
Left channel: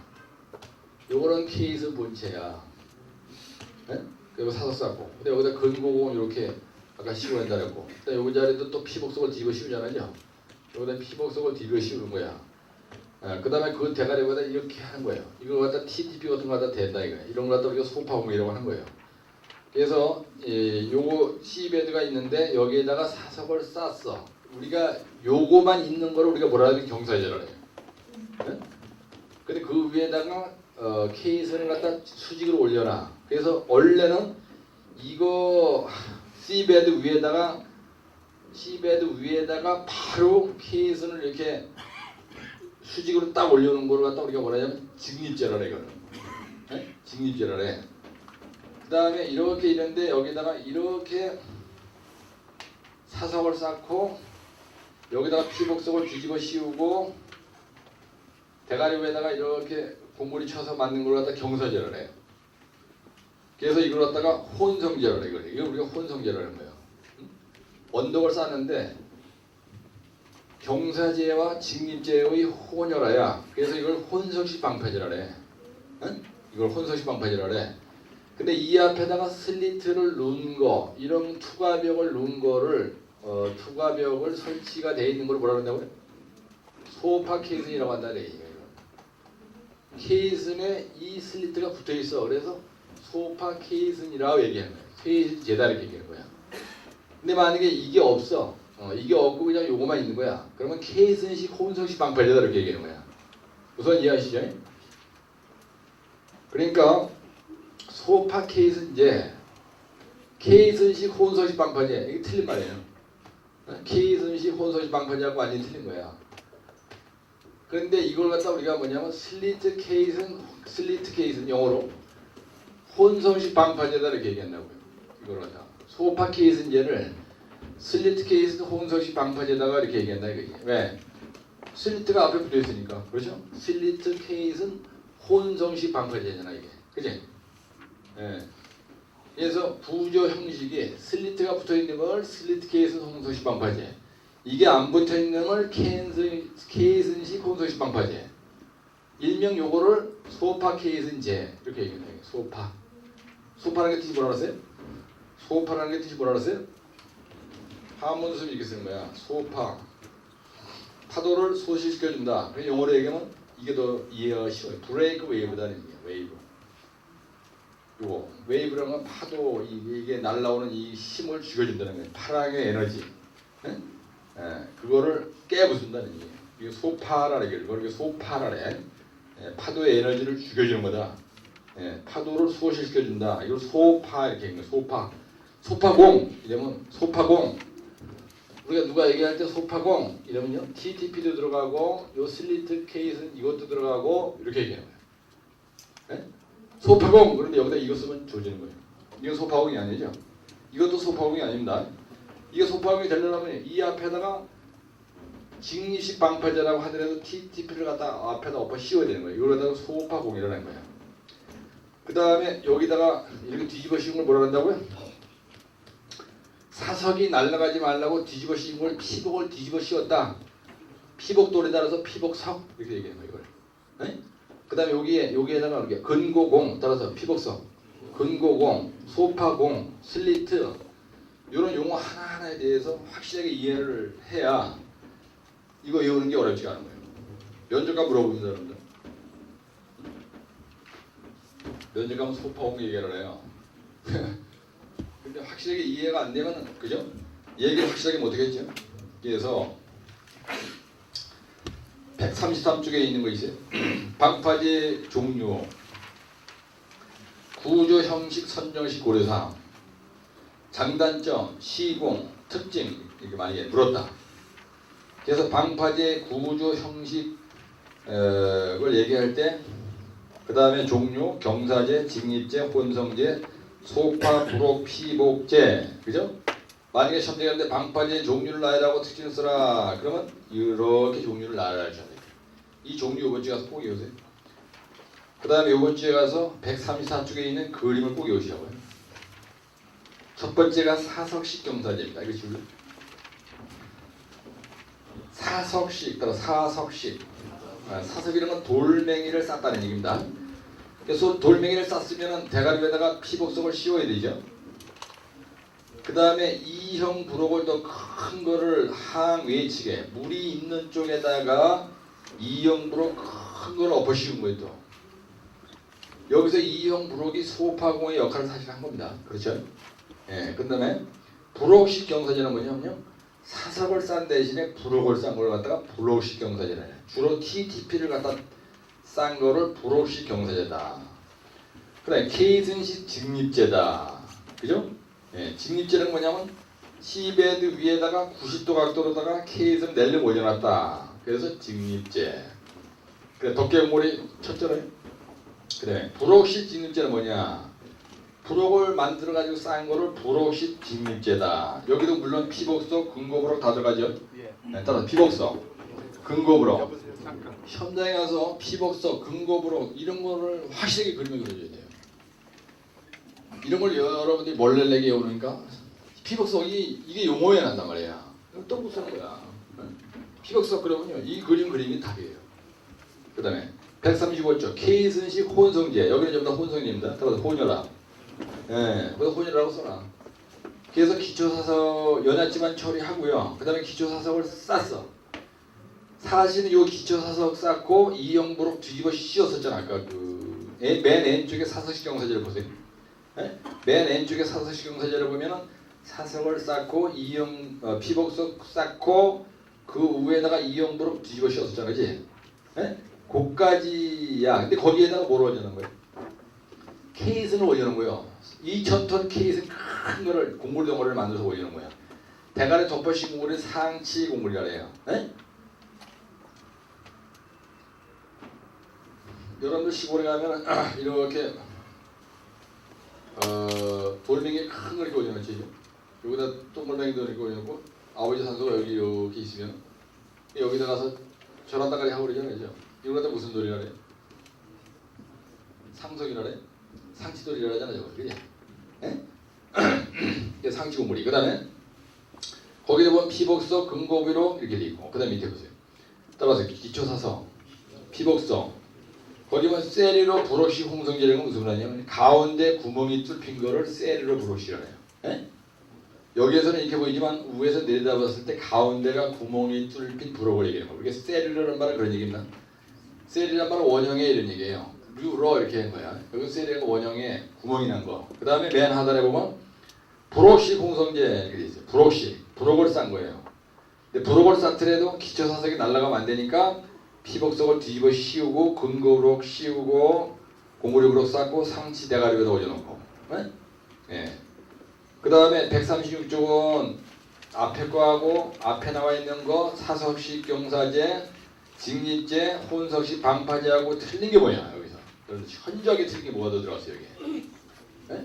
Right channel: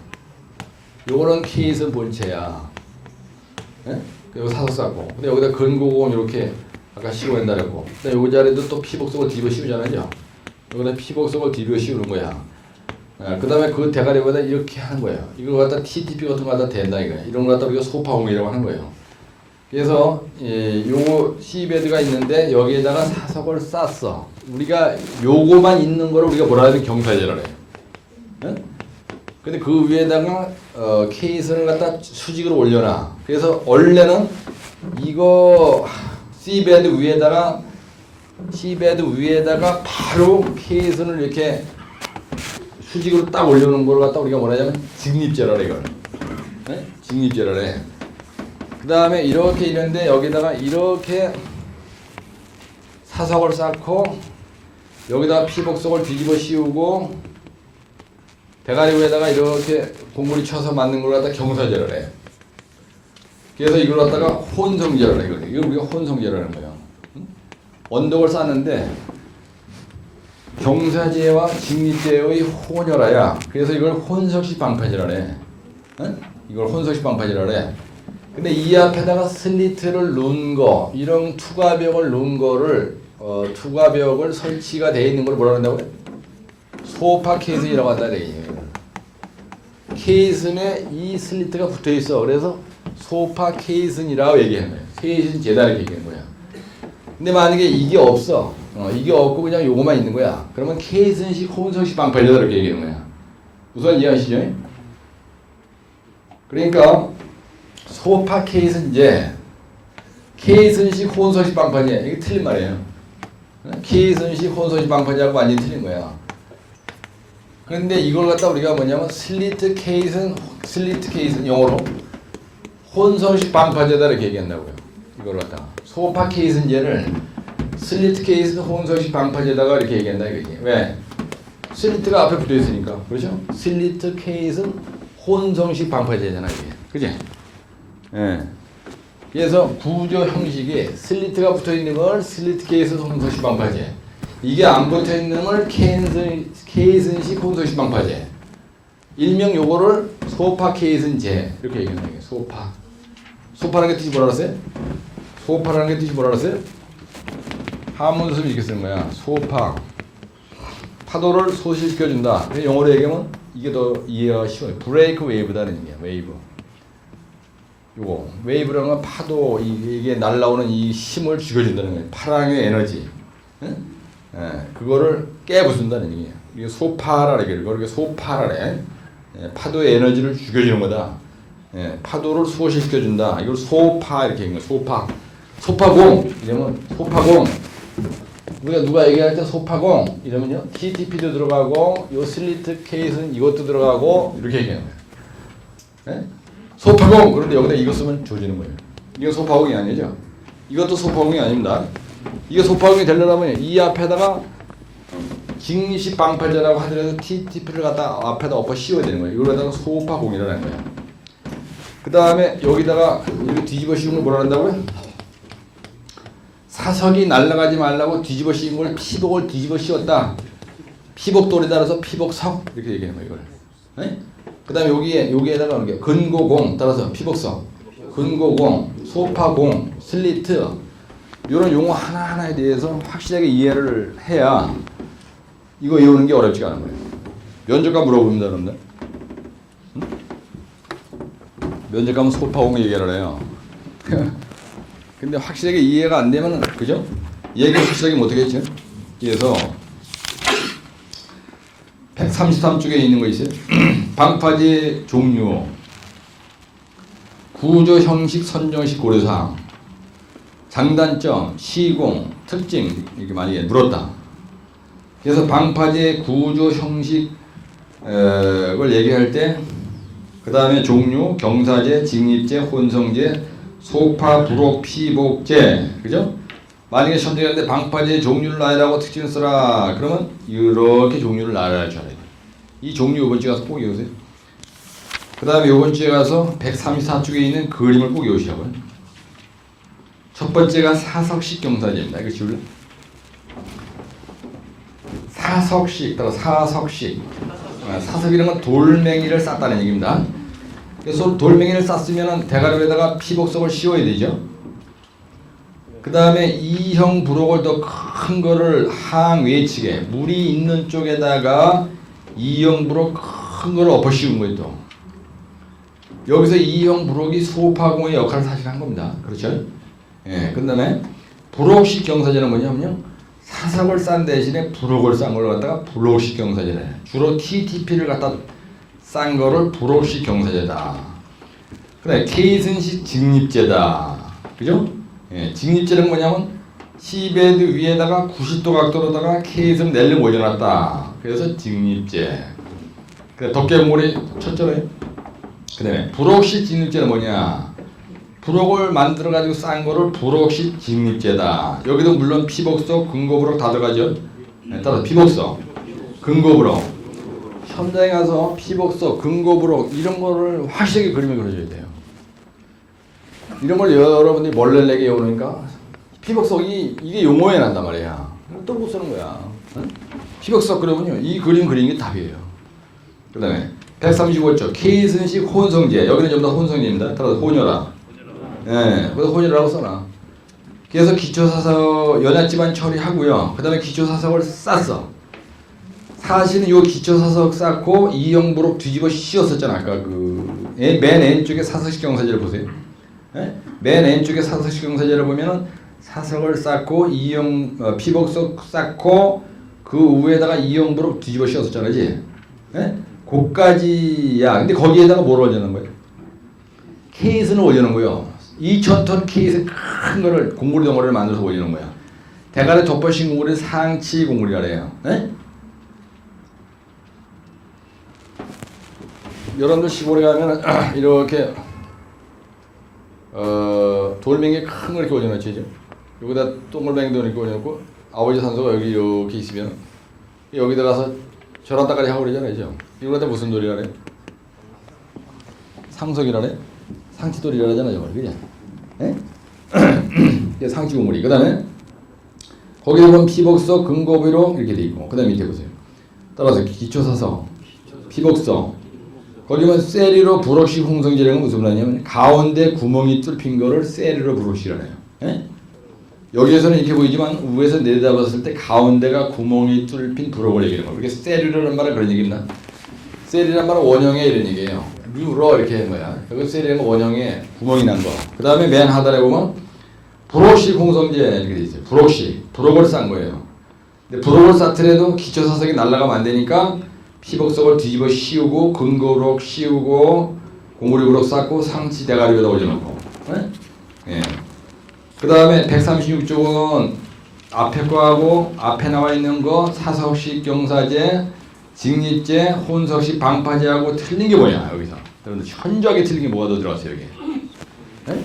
요거는 케이스 본체야. 여기 사서 쌓고. 근데 여기다 근고공 이렇게 아까 씌워낸다 그랬고. 근데 요 자리도 또 피복석을 뒤집어 씌우잖아요. 여기다 피복석을 뒤집어 씌우는 거야. 그 다음에 그 대가리보다 이렇게 하는 거예요. 이걸 갖다 TTP 같은 거 갖다 된다 이거야. 이런 거 갖다 우리가 소파공이라고 하는 거예요. 그래서 요거 C베드가 있는데 여기에다가 사석을 쌌어. 우리가 요거만 있는 거를 우리가 뭐라 하면 경사제라고 해요. 근데 그 위에다가 케이스를 갖다 수직으로 올려놔. 그래서 원래는 이거 C베드 위에다가 바로 케이스를 이렇게 수직으로 딱 올려놓은 걸 갖다 우리가 뭐라 하냐면 직립제라래 이걸. 직립제라래. 그 다음에 이렇게 이런데 여기다가 이렇게 사석을 쌓고 여기다가 피복석을 뒤집어 씌우고 대가리 위에다가 이렇게 공구리 쳐서 만든 걸 갖다 경사제를 해. 그래서 이걸 갖다가 혼성제를 해. 이걸 우리가 혼성제라는 거예요. 언덕을 쌓는데 경사제와 직립제의 혼혈화야. 그래서 이걸 혼성식 방파제라 해. 이걸 혼성식 방파제라 해. 근데 이 앞에다가 슬리트를 놓은 거, 이런 투과벽을 놓은 거를 투과벽을 설치가 되어 있는 걸 뭐라 그런다고요? 소파 케이슨이라고 한다 그래요. 케이슨에 이 슬리트가 붙어 있어. 그래서 소파 케이슨이라고 얘기하는 거야. 케이슨 제다 이렇게 얘기하는 거야. 근데 만약에 이게 없어. 이게 없고 그냥 요거만 있는 거야. 그러면 케이슨식 혼성식 방파제다 이렇게 얘기하는 거야. 우선 이해하시죠? 그러니까 소파 케이슨제, 케이슨식 혼성식 방파제 이게 틀린 말이에요. 케이슨식 혼성식 방파제하고 완전히 틀린 거야. 그런데 이걸 갖다 우리가 뭐냐면 슬리트 케이슨 영어로 혼성식 방파제다 이렇게 얘기한다고요. 이걸 갖다 소파 케이슨제를 슬리트 케이슨 혼성식 방파제다가 이렇게 얘기한다 이거지. 왜? 슬리트가 앞에 붙어 있으니까. 그렇죠? 슬리트 케이슨 혼성식 방파제잖아 이게. 그지? 예. 그래서 구조 형식이 슬리트가 붙어 있는 걸 슬리트 케이슨 혼성식 방파제. 이게 안 붙어 있는 걸 케이슨식 혼성식 방파제. 일명 요거를 소파 케이슨제 이렇게 얘기하는 거예요. 소파. 소파라는 게 뜻이 뭐라 그랬어요? 소파라는 게 뜻이 뭐라 그랬어요? 한문수를 이렇게 쓰는 거야. 소파. 파도를 소실시켜준다. 영어로 얘기하면 이게 더 이해가 쉬워요. 브레이크 웨이브다는 얘기야. 웨이브. 요거 웨이브라는 건 파도 이게 날라오는 이 힘을 죽여준다는 거예요. 파랑의 에너지. 예? 그거를 깨부순다는 얘기예요. 이게 소파라 이게 소파라래. 파도의 에너지를 죽여주는 거다. 파도를 소실시켜준다. 이걸 소파 이렇게 얘기해요. 소파공 이러면 소파공. 우리가 누가 얘기할 때 소파공 이러면요 TTP도 들어가고 요 슬리트 케이스는 이것도 들어가고 이렇게 얘기하는 거예요. 소파공 그런데 여기다 이거 쓰면 조지는 거예요. 이거 소파공이 아니죠. 이것도 소파공이 아닙니다. 이게 소파공이 되려면 이 앞에다가 직립식 방팔제라고 하더라도 TTP를 갖다 앞에다 엎어 씌워야 되는 거예요. 이거에다가 소파공이라는 거예요. 그 다음에 여기다가 이렇게 뒤집어 씌운 걸 뭐라 한다고요? 사석이 날아가지 말라고 뒤집어 씌운 걸 피복을 뒤집어 씌웠다. 피복돌에 따라서 피복석 이렇게 얘기하는 거예요. 이걸. 그 다음에 여기에다가 하는 게 근고공 따라서 피복석, 근고공, 소파공, 슬리트 이런 용어 하나하나에 대해서 확실하게 이해를 해야 이거 외우는 게 어렵지가 않은 거예요. 면접관 물어봅니다, 여러분들. 면접관은 소파공 얘기를 해요. 근데 확실하게 이해가 안 되면 그죠? 얘기 확실하게 못하겠죠? 그래서 133쪽에 있는 거 있어요. 방파제 종류, 구조 형식 선정식 고려사항, 장단점, 시공, 특징 이렇게 많이 물었다. 그래서 방파제 구조 형식을 얘기할 때 그 다음에 종류, 경사제, 직립제, 혼성제, 소파, 부록, 피복제, 그죠? 만약에 선택하는데 방파제 종류를 나열하고 특징을 써라. 그러면 이렇게 종류를 나열할 줄 알아야 돼. 이 종류 요번 주에 가서 꼭 외우세요. 그 다음에 요번 주에 가서 134쪽에 있는 그림을 꼭 외우시라고요. 첫 번째가 사석식 경사제입니다. 이거 지울래? 사석식, 따라 사석식. 사석이라는 건 돌멩이를 쌌다는 얘기입니다. 그래서 돌멩이를 쌌으면 대가리에다가 피복석을 씌워야 되죠. 그 다음에 E형 부록을 더 큰 거를 항 외측에 물이 있는 쪽에다가 E형 부록 큰 거를 엎어 씌운 거예요. 또 여기서 E형 부록이 소파공의 역할을 사실 한 겁니다. 그렇죠? 예, 그 다음에 부록식 경사제는 뭐냐면요. 사석을 싼 대신에 부록을 싼 걸 갖다가 부록식 경사제래. 주로 TTP를 갖다 싼 거를 부록식 경사제다. 그다음에 케이슨식 직립제다. 그죠? 예, 직립제는 뭐냐면 시베드 위에다가 90도 각도로다가 케이슨 넬름 올려놨다. 그래서 직립제. 그 덮개물이 쳤잖아요. 그다음에 부록식 직립제는 뭐냐? 부록을 만들어 가지고 싼 거를 부록식 직립제다. 여기도 물론 피복석, 근고부록 다 들어가죠. 네, 따라서 피복석, 근고부록. 현장에 가서 피복석, 근고부록 이런 거를 확실하게 그림을 그려줘야 돼요. 이런 걸 여러분들이 멀레레게 외우니까 피복석이 이게 용어에 난단 말이야. 또 못 쓰는 거야. 응? 피복석 그러면요 이 그림 그리는 게 답이에요. 그다음에 135쪽 케이슨식 혼성제. 여기는 전부 다 혼성제입니다. 따라서 혼혈화. 예, 그래서 혼이라고 써놔. 그래서 기초사석 연약지만 처리하고요. 그 다음에 기초사석을 쌌어. 사실은 요 기초사석 쌓고 E형 부록 뒤집어 씌웠었잖아. 아까 맨 N쪽에 사석식 경사제를 보세요. 예? 맨 N쪽에 사석식 경사제를 보면은 사석을 쌓고 E형 피복석 쌓고 그 위에다가 E형 부록 뒤집어 씌웠었잖아, 그지? 예? 거기까지야. 근데 거기에다가 뭘 올려놓은 거야? 케이스는 올려놓은 거요. 2,000톤 케이스 큰 거를 공구리 덩어리를 만들어서 올리는 거야. 대가리 덮어씌운 공구리 상치 공구리라 그래요. 네? 여러분들 시골에 가면 이렇게 돌멩이 큰 걸 이렇게 올려놓지. 여기다 동글뱅이도 이렇게 올려놓고 아버지 산소가 여기 이렇게 있으면 여기다 가서 저런다까지 하고 그러잖아요. 이거한테 무슨 돌이라 그래? 상석이라 그래? 상치돌이라 하잖아, 저걸. 그냥. 예? 상치고물이. 그 다음에, 거기에 보면 피복석, 근고비록 이렇게 돼 있고, 그 다음에 밑에 보세요. 따라서 기초사석, 피복석, 거기 보면 세리로 부록식 홍성제라는 건 무슨 말이냐면, 가운데 구멍이 뚫힌 거를 세리로 부록식이라 해요. 예? 여기에서는 이렇게 보이지만, 위에서 내려다봤을 때 가운데가 구멍이 뚫힌 부록을 얘기하는 거예요. 그게 세리로라는 말은 그런 얘기입니다. 셀이란 말은 원형의 이런 얘기예요. 류러 이렇게 된 거야. 여기 셀이란 건 원형에 구멍이 난 거. 그 다음에 맨 하단에 보면 브록식 홍성제 이렇게 돼 있어요. 브록식. 브록을 싼 거예요. 근데 브록을 쌓더라도 기초사석이 날아가면 안 되니까 피복석을 뒤집어 씌우고 근거브록 씌우고 공구리 브록 쌓고 상치 대가리에다 올려놓고. 네? 예. 그 다음에 136쪽은 앞에 거하고 앞에 나와 있는 거 사석식 경사제, 직립제, 혼석식 방파제하고 틀린 게 뭐냐 여기서. 여러분들 현저하게 틀린 게 뭐가 더 들어갔어요 여기. 네?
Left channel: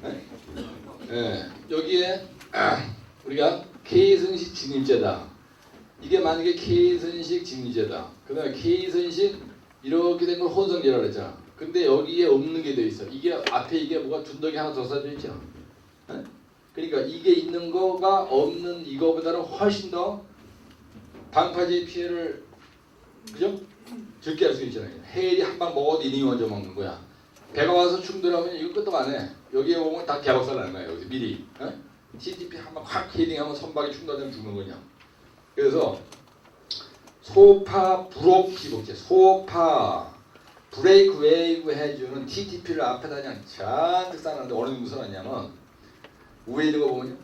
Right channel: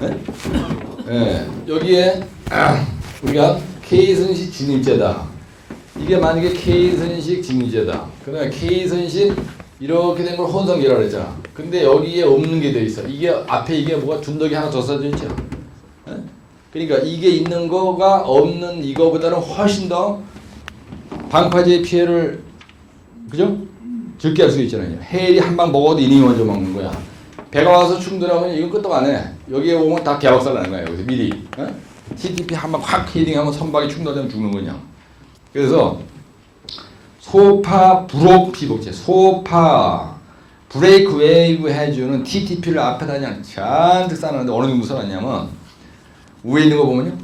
네? 네. 여기에 우리가 K선식 직립제다. 이게 만약에 K선식 직립제다. 그 다음에 K선식 이렇게 된 걸 혼성제라고 그랬잖아. 근데 여기에 없는 게 돼 있어. 이게 앞에 이게 뭐가 둔덕이 하나 더 써져 있죠. 네? 그러니까 이게 있는 거가 없는 이거보다는 훨씬 더 방파제의 피해를 그죠? 적게 할 수 있잖아요. 해일이 한 방 먹어도 이닝이 먼저 먹는 거야. 배가 와서 충돌하면 이거 끄떡 안 해. 여기에 오면 다 개박살 나는 거야. 여기서 미리. 어? TTP 한 방 확 힐링하면 선박이 충돌되면 죽는 거냐. 그래서 소파 브록 피복제, 소파 브레이크 웨이브 해주는 TTP를 앞에다 그냥 잔뜩 쌓아놨는데 어느 정도 써놨냐면 위에 있는 거 보면요.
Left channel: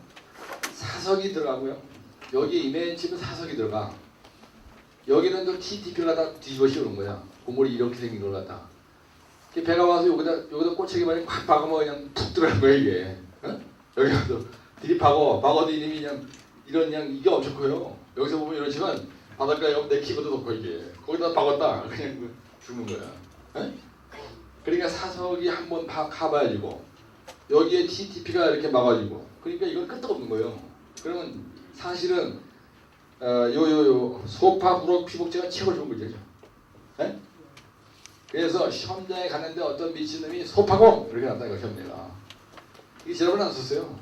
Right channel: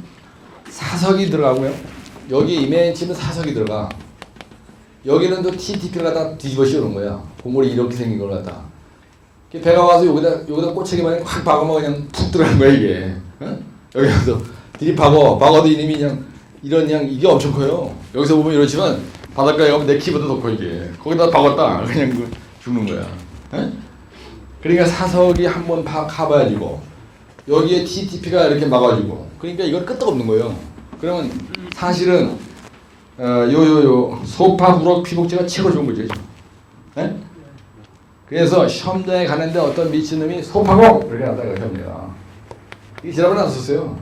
사석이 들어가고요. 여기 맨 치면 사석이 들어가. 여기는 또 TTP를 갖다 뒤집어 씌우는 거야. 고물이 이렇게 생긴 걸 갖다. 배가 와서 여기다 꼬챙이만 확 박으면 그냥 푹 들어가는 거야 이게. 어? 여기 가서 박아도 이님이 그냥 이런 그냥 이게 엄청 커요. 여기서 보면 이렇지만 바닷가에 가면 내 키보다 더 커 이게. 거기다 박았다 그냥 죽는 거야. 어? 그러니까 사석이 한번 가봐야지고 여기에 TTP가 이렇게 막아주고 그러니까 이건 끄떡없는 거예요. 그러면 사실은 소파 브록 피복제가 최고 좋은 거죠. 네? 그래서 시험장에 가는데 어떤 미친놈이 소파공 이렇게 한다 이거 시험장. 이 지랄은 안 썼어요.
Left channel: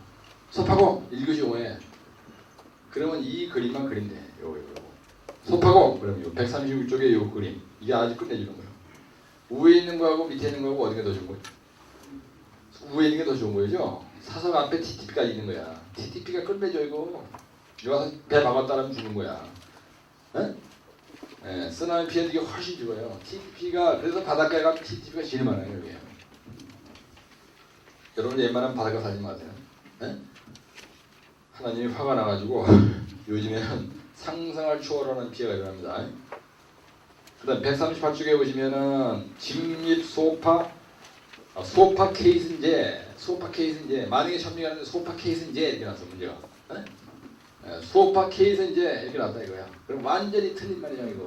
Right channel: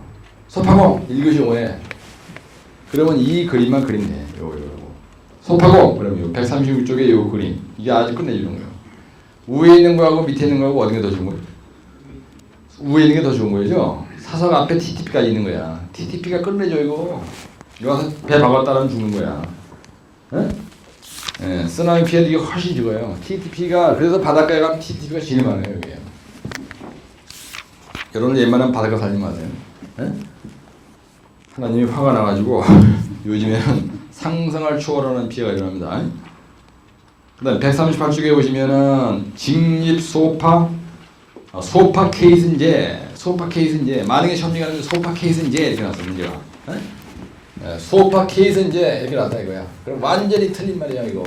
소파공 1교시 5에 그러면 이 그림만 그리면 돼. 요거 소파공 그러면 136쪽에 요 그림 이게 아주 끝내주는 거예요. 위에 있는 거하고 밑에 있는 거하고 어느 게 더 좋은 거예요? 위에 있는 게 더 좋은 거죠. 사석 앞에 TTP가 있는 거야. TTP가 끝내줘 이거. 이거 배 박았다면 죽는 거야. 예, 쓰나미 피해도 이게 훨씬 죽어요. TTP가 그래서 바닷가에 가면 TTP가 제일 많아요 여기. 여러분 웬만하면 바닷가 살지 마세요. 예? 하나님이 화가 나가지고 요즘에는 상상을 초월하는 피해가 일어납니다. 그다음 138쪽에 보시면은 직립 소파 케이스인제 만약에 시험지가는 소파 케이스인제 이렇게 나왔어 문제가. 소파 케이스인제 이렇게 나왔다 이거야. 그럼 완전히 틀린 말이야 이거.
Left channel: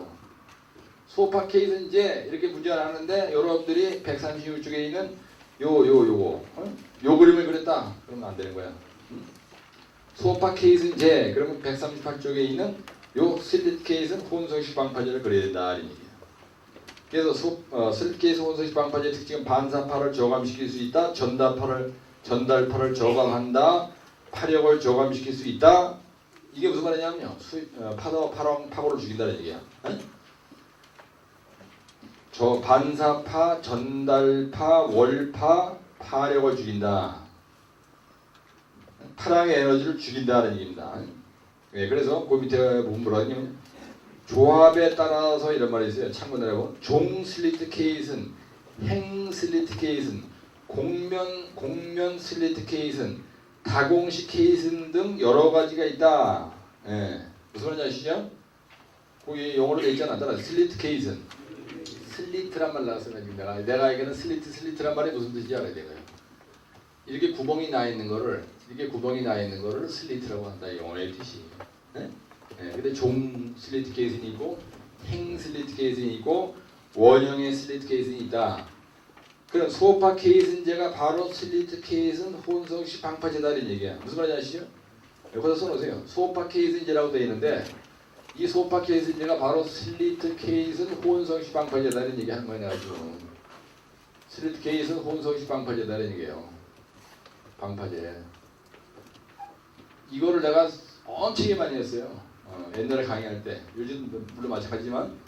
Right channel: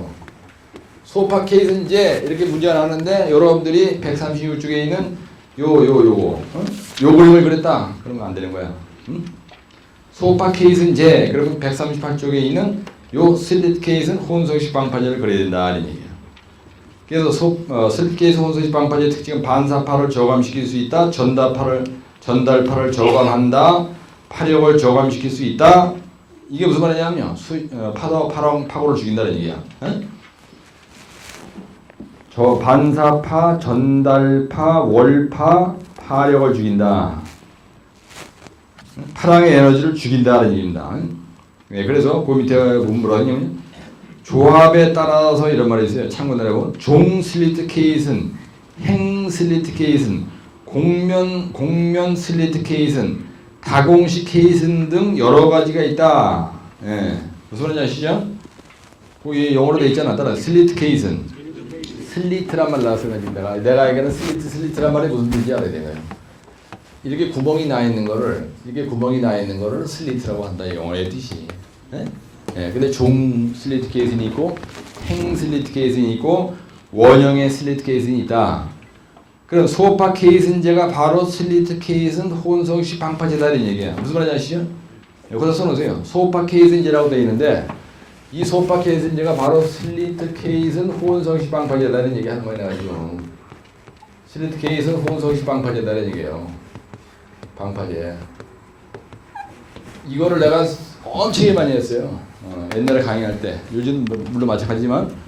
소파 케이스인제 이렇게 문제가 나왔는데 여러분들이 136쪽에 있는 요 그림을 그렸다. 그러면 안 되는 거야. 응? 소파 케이스인제 그러면 138쪽에 있는 요 슬릿 케이스는 혼성식 방파제를 그려야 된다 이런 얘기예요. 그래서 슬릿 케이스 혼성식 방파제의 특징은 반사파를 저감시킬 수 있다. 전달파를 저감한다. 파력을 저감시킬 수 있다. 이게 무슨 말이냐면 파고를 죽인다는 얘기야. 저 반사파, 전달파, 월파, 파력을 죽인다. 파랑의 에너지를 죽인다는 얘기입니다. 네, 그래서 그 밑에 보면 뭐라 하냐면 조합에 따라서 이런 말이 있어요. 참고하라고 종 슬리트 케이스는 행 슬리트 케이스는 공면 슬리트 케이스는 다공식 케이슨 등 여러 가지가 있다. 예. 무슨 말인지 아시죠? 거기 영어로 돼 있잖아. 따라 슬리트 케이슨. 슬리트란 말 나왔어요. 내가 얘기하는 슬리트란 말이 무슨 뜻인지 알아야 돼요. 이렇게 구멍이 나 있는 거를 슬리트라고 한다. 영어의 뜻이. 예? 예. 근데 종 슬리트 케이슨이 있고 행 슬리트 케이슨이 있고 원형의 슬리트 케이슨이 있다. 그럼 소파 케이슨제가 바로 슬리트 케이슨 혼성식 방파제다 이런 얘기야. 무슨 말인지 아시죠? 여기다 써놓으세요. 소파 케이슨제라고 되어 있는데 이 소파 케이슨제가 바로 슬리트 케이슨 혼성식 방파제다 이런 얘기 하는 거야. 지금 슬리트 케이슨 혼성식 방파제다 이런 얘기예요. 방파제. 이거를 내가 엄청 많이 했어요. 옛날에 강의할 때. 요즘 물론 마찬가지지만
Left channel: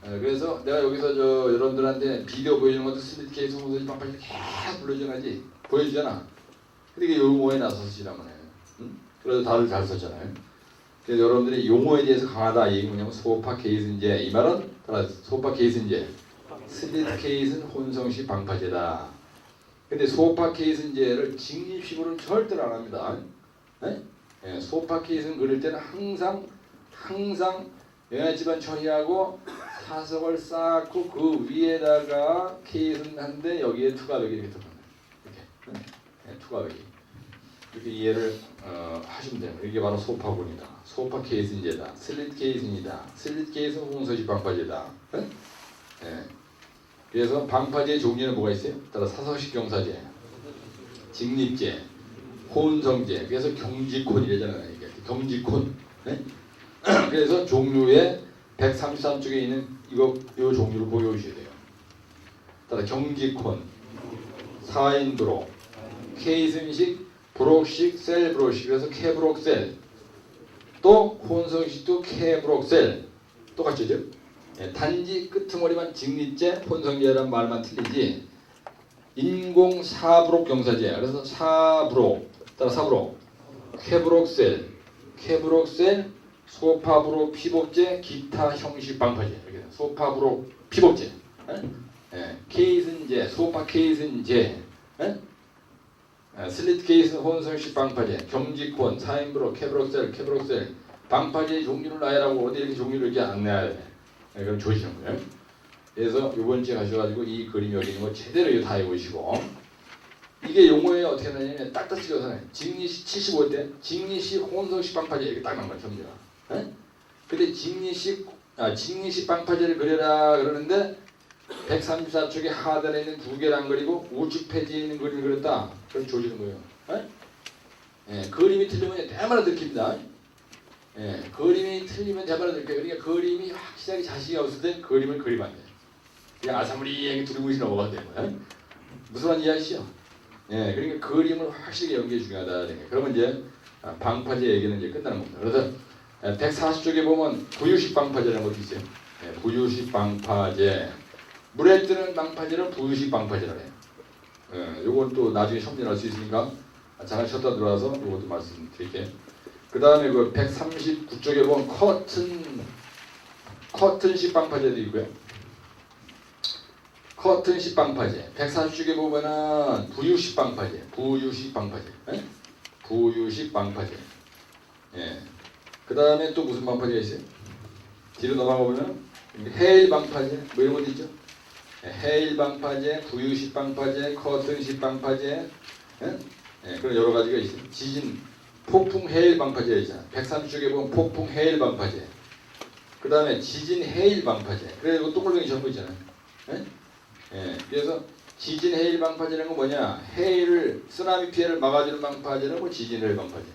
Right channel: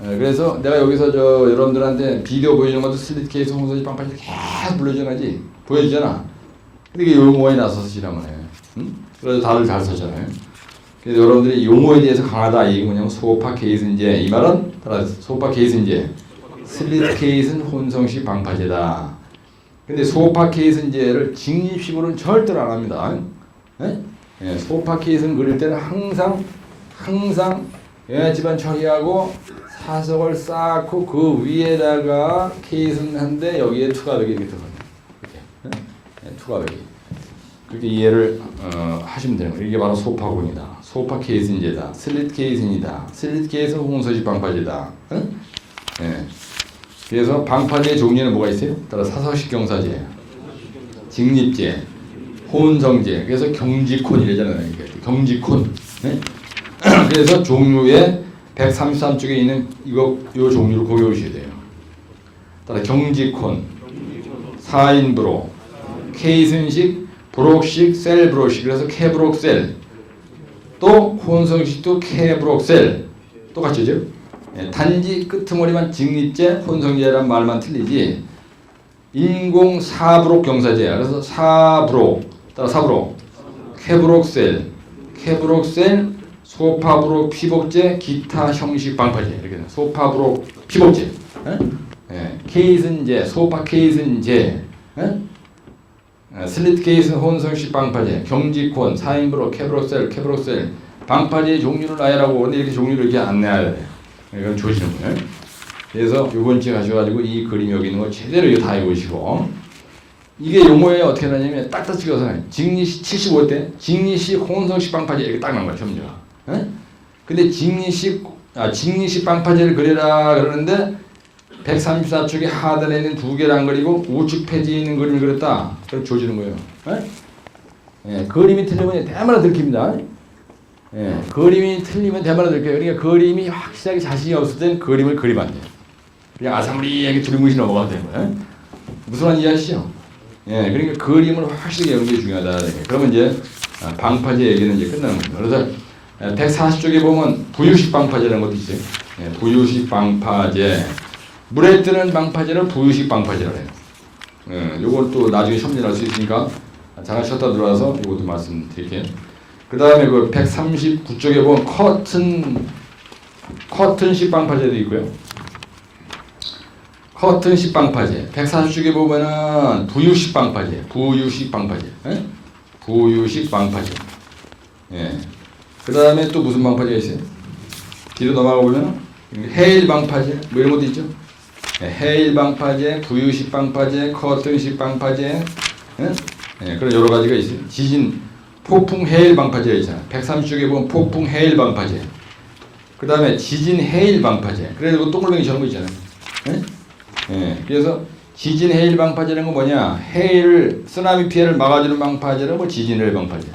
그래서 내가 여기서 여러분들한테 비디오 보여주는 것도 슬리트 케이스 홍성식 방파제 계속 보여주잖아. 근데 이게 용어에 나서서 지라면 해. 응? 그래서 다들 잘 쓰잖아요. 그래서 여러분들이 용어에 대해서 강하다 이 얘기 뭐냐면 소파 케이스인제 이 말은 따라 소파 케이슨제, 슬리트 케이슨 혼성식 방파제다. 근데 소파 케이슨제를 직립식으로는 절대로 안 합니다. 예, 소파 케이슨 그릴 때는 항상 영양지방 처리하고 사석을 쌓고 그 위에다가 케이슨 한데 여기에 투과벽이 이렇게 들어갑니다. 이렇게 투과벽이 이렇게 이해를 하시면 되는 거예요. 이게 바로 소파군이다. 소파 케이슨제다. 슬리트 케이슨이다. 슬리트 케이슨 혼성식 방파제다. 예. 그래서 방파제의 종류는 뭐가 있어요? 따라 사석식 경사제, 직립제, 혼성제. 그래서 경직혼 이러잖아요. 경직혼. 네? 그래서 종류에 133쪽에 있는 요 종류를 거기 오셔야 돼요. 따라 경직혼, 4인 브로, 케이슨식, 브록식, 셀 브록식. 그래서 케브록셀. 또 혼성식도 케브록셀. 똑같죠? 네, 단지 끄트머리만 직립제, 혼성제란 말만 틀리지. 인공 사브록 경사제야. 그래서 사브록, 따라 사브록, 케브록셀, 소파브록 피복제, 기타 형식 방파제 이렇게 돼. 소파브록 피복제, 케이슨제, 소파 케이슨제, 슬리트 케이슨 혼성식 방파제, 경직혼, 4인브록, 케브록셀 방파제의 종류를 나열하고 근데 이렇게 종류를 이렇게 안내해야 돼. 이건 조시는 거예요. 그래서 이번 주에 가셔가지고 이 그림 여기 있는 거 제대로 이거 다 해보시고 이게 용어에 어떻게 나냐면 딱딱 찍어서 직립식 75대 직립식 혼성식 방파제 이렇게 딱 나온 거야 점수가. 근데 직립식 방파제를 그려라 그러는데 134쪽에 하단에 있는 두 개를 안 그리고 우측 페이지에 있는 그림을 그렸다. 그럼 조지는 거예요. 예, 그림이 틀리면 대마다 들킵니다. 예, 그림이 틀리면 대마다 들켜요. 그러니까 그림이 확실하게 자신이 없을 땐 그림을 그리면 안 돼요. 그냥 아사무리하게 두리뭉실 넘어가면 되는 거예요. 무슨 말인지 이해하시죠? 예, 그러니까 그림을 확실하게 여는 게 중요하다. 그러면 이제 방파제 얘기는 이제 끝나는 겁니다. 그래서 140쪽에 보면 부유식 방파제라는 것도 있어요. 예, 부유식 방파제. 물에 뜨는 방파제는 부유식 방파제라고 해요. 예, 요걸 또 나중에 첨언할 수 있으니까 잠깐 쉬었다 들어와서 이것도 말씀드릴게요. 그 다음에 그 139쪽에 보면 커튼식 방파제도 있고요. 커튼식 방파제. 140쪽에 보면은 부유식 방파제. 예? 부유식 방파제. 예. 그 다음에 또 무슨 방파제가 있어요? 뒤로 넘어가 보면 해일 방파제 뭐 이런 것도 있죠. 예, 해일 방파제, 부유식 방파제, 커튼식 방파제, 예? 예, 그런 여러 가지가 있어요. 지진, 폭풍 해일 방파제가 있잖아요. 130쪽에 보면 폭풍 해일 방파제. 그 다음에 지진 해일 방파제. 그래서 동글뱅이 저런 거 있잖아요. 예? 예, 그래서 지진 해일 방파제는 건 뭐냐? 해일, 쓰나미 피해를 막아주는 방파제는 뭐 지진 해일 방파제.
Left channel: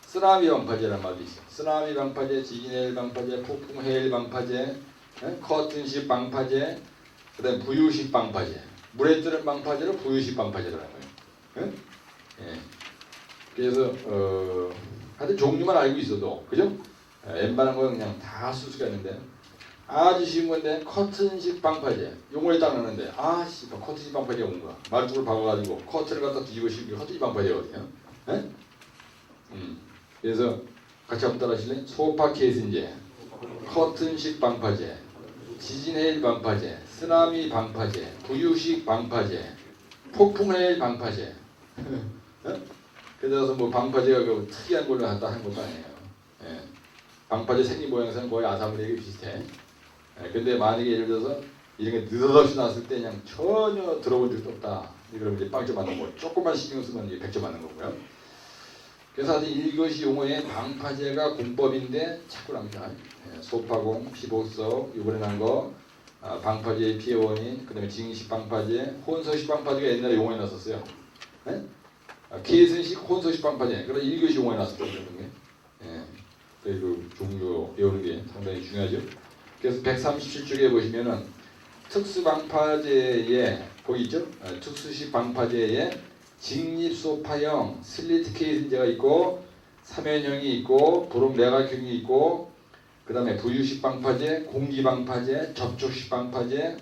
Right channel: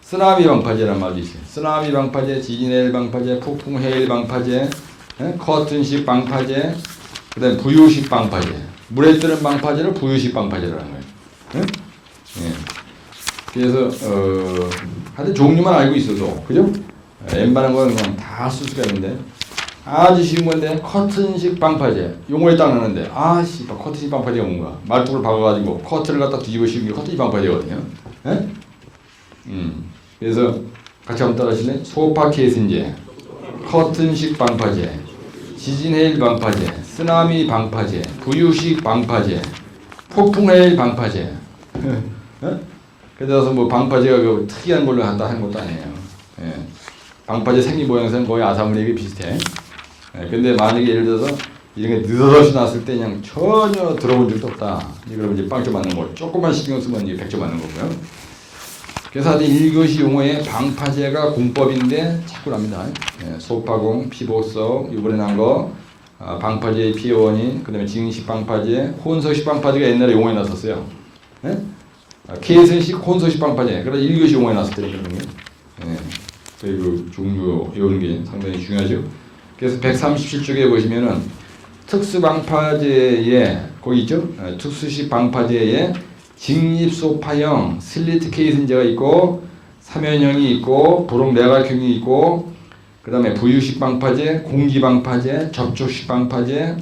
쓰나미 방파제란 말도 있어요. 쓰나미 방파제, 지진 해일 방파제, 폭풍 해일 방파제, 예? 커튼식 방파제, 그 다음에 부유식 방파제. 물에 뜨는 방파제는 부유식 방파제라는 거예요. 예? 예. 그래서 하여튼 종류만 알고 있어도 그죠? 웬만한 거는 다 쓸 수가 있는데 아주 쉬운 건데 커튼식 방파제 용어에 딱 나오는데 아씨 커튼식 방파제가 뭔가 말뚝을 박아가지고 커튼을 갖다 뒤집어 씌우는 게 커튼식 방파제거든요. 예? 그래서 같이 한번 따라하실래요? 소파 케이슨제, 커튼식 방파제, 지진해일 방파제, 쓰나미 방파제, 부유식 방파제, 폭풍해일 방파제. 그래서 뭐 방파제가 그 특이한 걸로 한다 하는 것도 아니에요. 예. 방파제 생긴 모양새는 거의 아사무리에게 비슷해. 예. 근데 만약에 예를 들어서 이런 게 느닷없이 났을 때 그냥 전혀 들어본 적도 없다. 그러면 이제 빵점 맞는 거. 조금만 신경 쓰면 이제 100점 맞는 거고요. 그래서 하여튼 1교시 용어에 방파제가 공법인데 자꾸 납니다. 예. 소파공, 피복석, 이번에 난 거, 방파제의 피해 원인, 그 다음에 징식 방파제, 혼서식 방파제가 옛날에 용어에 났었어요. 예? 케이슨식 혼소식 방파제. 그래서 1교시 용어에 나왔을 때거든요. 예. 그 종류 이런 게 상당히 중요하죠. 그래서 137쪽에 보시면은 특수 방파제에 거기 있죠. 특수식 방파제에 직립 소파형 슬리트 케이슨제가 있고 삼연형이 있고 브록 내각형이 있고 그 다음에 부유식 방파제, 공기 방파제, 접촉식 방파제,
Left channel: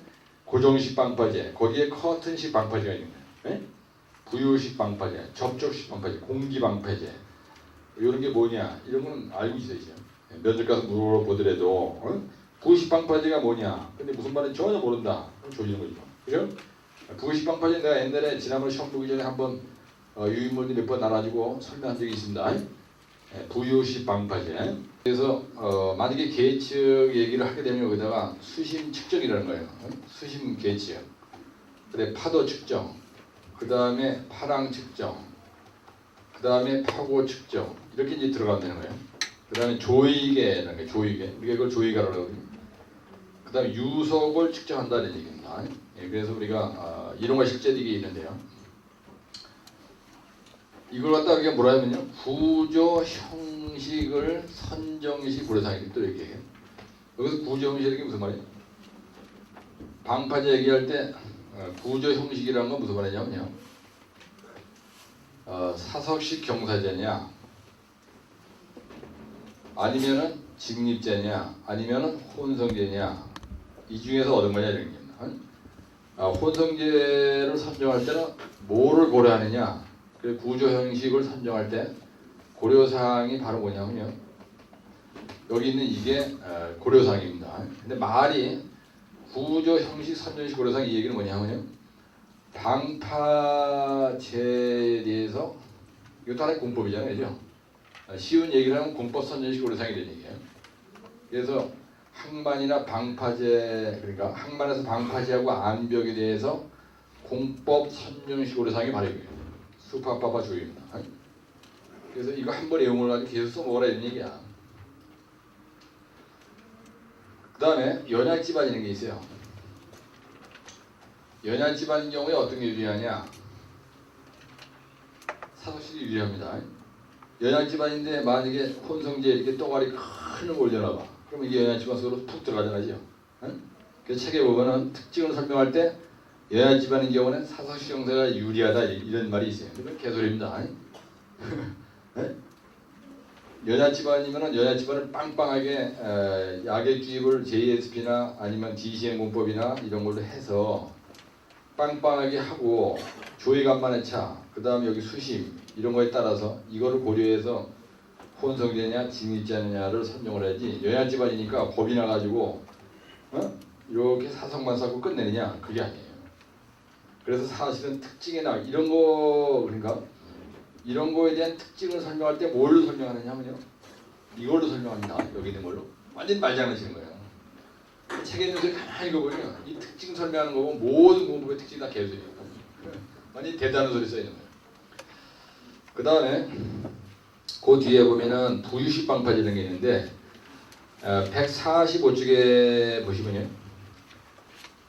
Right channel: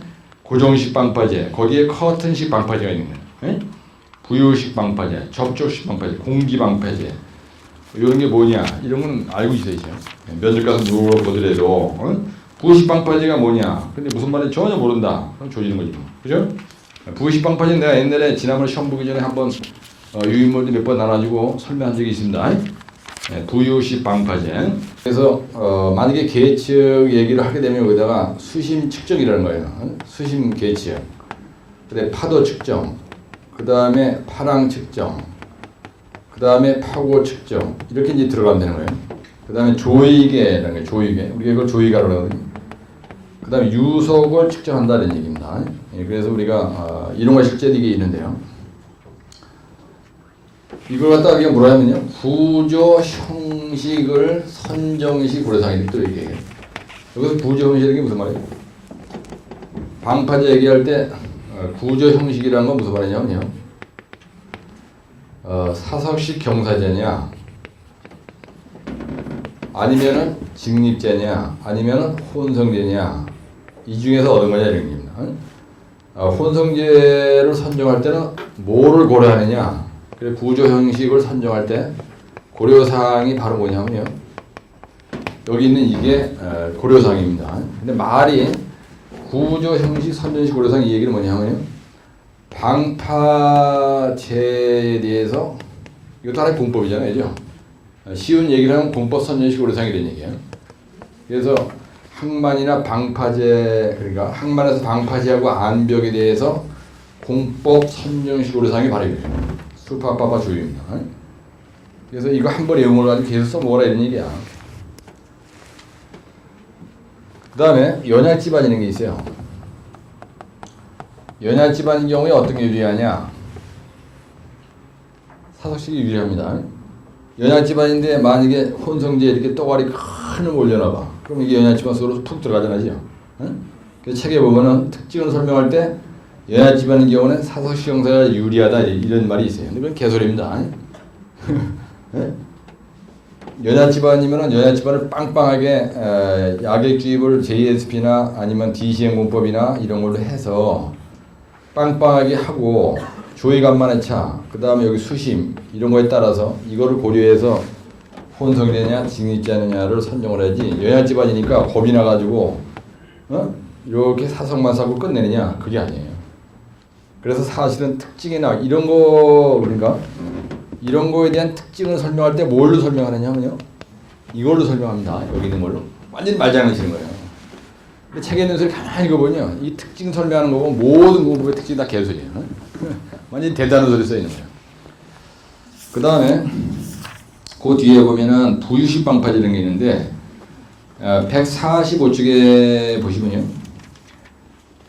고정식 방파제 거기에 커튼식 방파제가 있는 거예요. 예? 부유식 방파제, 접촉식 방파제, 공기 방파제 이런 게 뭐냐 이런 건 알고 있어야죠. 면접 가서 물어보더라도 부의식 방파제가 뭐냐? 근데 무슨 말인지 전혀 모른다. 그럼 조지는 거지 뭐. 그죠? 부의식 방파제는 내가 옛날에 지난번에 시험 보기 전에 한번 유인물도 몇 번 나눠주고 설명한 적이 있습니다. 네, 부의식 방파제. 그래서 만약에 계측 얘기를 하게 되면 여기다가 수심 측정이라는 거예요. 수심 계측. 그다음에 파도 측정. 그 다음에 파랑 측정. 그 다음에 파고 측정. 이렇게 이제 들어가면 되는 거예요. 그 다음에 조이계라는 거예요. 조이계. 우리가 이걸 조이가라고 하거든요. 그 다음에 유속을 측정한다는 얘기입니다. 예, 그래서 우리가 이런 거 실제 이게 있는데요. 이걸 갖다가 우리가 뭐라 하면요. 구조 형식을 선정시 고려사항이 또 얘기해요. 여기서 구조 형식이 무슨 말이에요? 방파제 얘기할 때 구조 형식이라는 건 무슨 말이냐면요. 사석식 경사제냐, 아니면은 직립제냐, 아니면은 혼성제냐, 이 중에서 어느 거냐 이런 겁니다. 혼성제를 선정할 때는 뭐를 고려하느냐, 그리고 구조 형식을 선정할 때 고려사항이 바로 뭐냐면요. 여기 있는 이게 고려사항입니다. 근데 말이 구조 형식 선정식 고려사항 이 얘기는 뭐냐면요. 방파제에 대해서 이것도 하나의 공법이잖아요. 그죠? 쉬운 얘기를 하면 공법 선정식 고려사항이 되는 얘기예요. 그래서 항만이나 방파제, 그러니까 항만에서 방파제하고 안벽에 대해서 공법 선정식 고려사항이 바로 이거예요. 수파파파 조입니다. 그래서 이거 한 번 외운 걸 가지고 계속 써먹으라 이런 얘기야. 그 다음에 연약지반이라는 게 있어요. 연약지반인 경우에 어떤 게 유리하냐? 사석식이 유리합니다. 연약지반인데 만약에 혼성제 이렇게 또가리 큰 걸 올려놔봐. 그럼 이게 연약지반 속으로 푹 들어가잖아요. 그 책에 보면은 특징을 설명할 때 연약지반인 경우는 사석식 형사가 유리하다 이런 말이 있어요. 근데 그건 개소리입니다. 연약지반이면은 연약지반을 빵빵하게 약액 주입을 JSP나 아니면 DCM 공법이나 이런 걸로 해서 빵빵하게 하고 조이간만의 차, 그 다음에 여기 수심 이런 거에 따라서 이거를 고려해서 혼성이 되냐 직립자느냐를 선정을 해야지. 연약지반이니까 겁이 나가지고 이렇게 사석만 사고 끝내느냐 그게 아니에요. 그래서 사실은 특징이나 이런 거 그러니까 이런 거에 대한 특징을 설명할 때 뭘로 설명하느냐면요. 이걸로 설명합니다. 여기 있는 걸로. 완전히 말장난치는 거예요. 책에 있는 소리 가만히 읽어보면 이 특징 설명하는 거고 모든 공법의 특징이 다 개소리예요. 완전히 대단한 소리 써있는 거예요. 그 다음에 그 뒤에 보면은 부유식 방파제 이런 게 있는데 145쪽에 보시면요.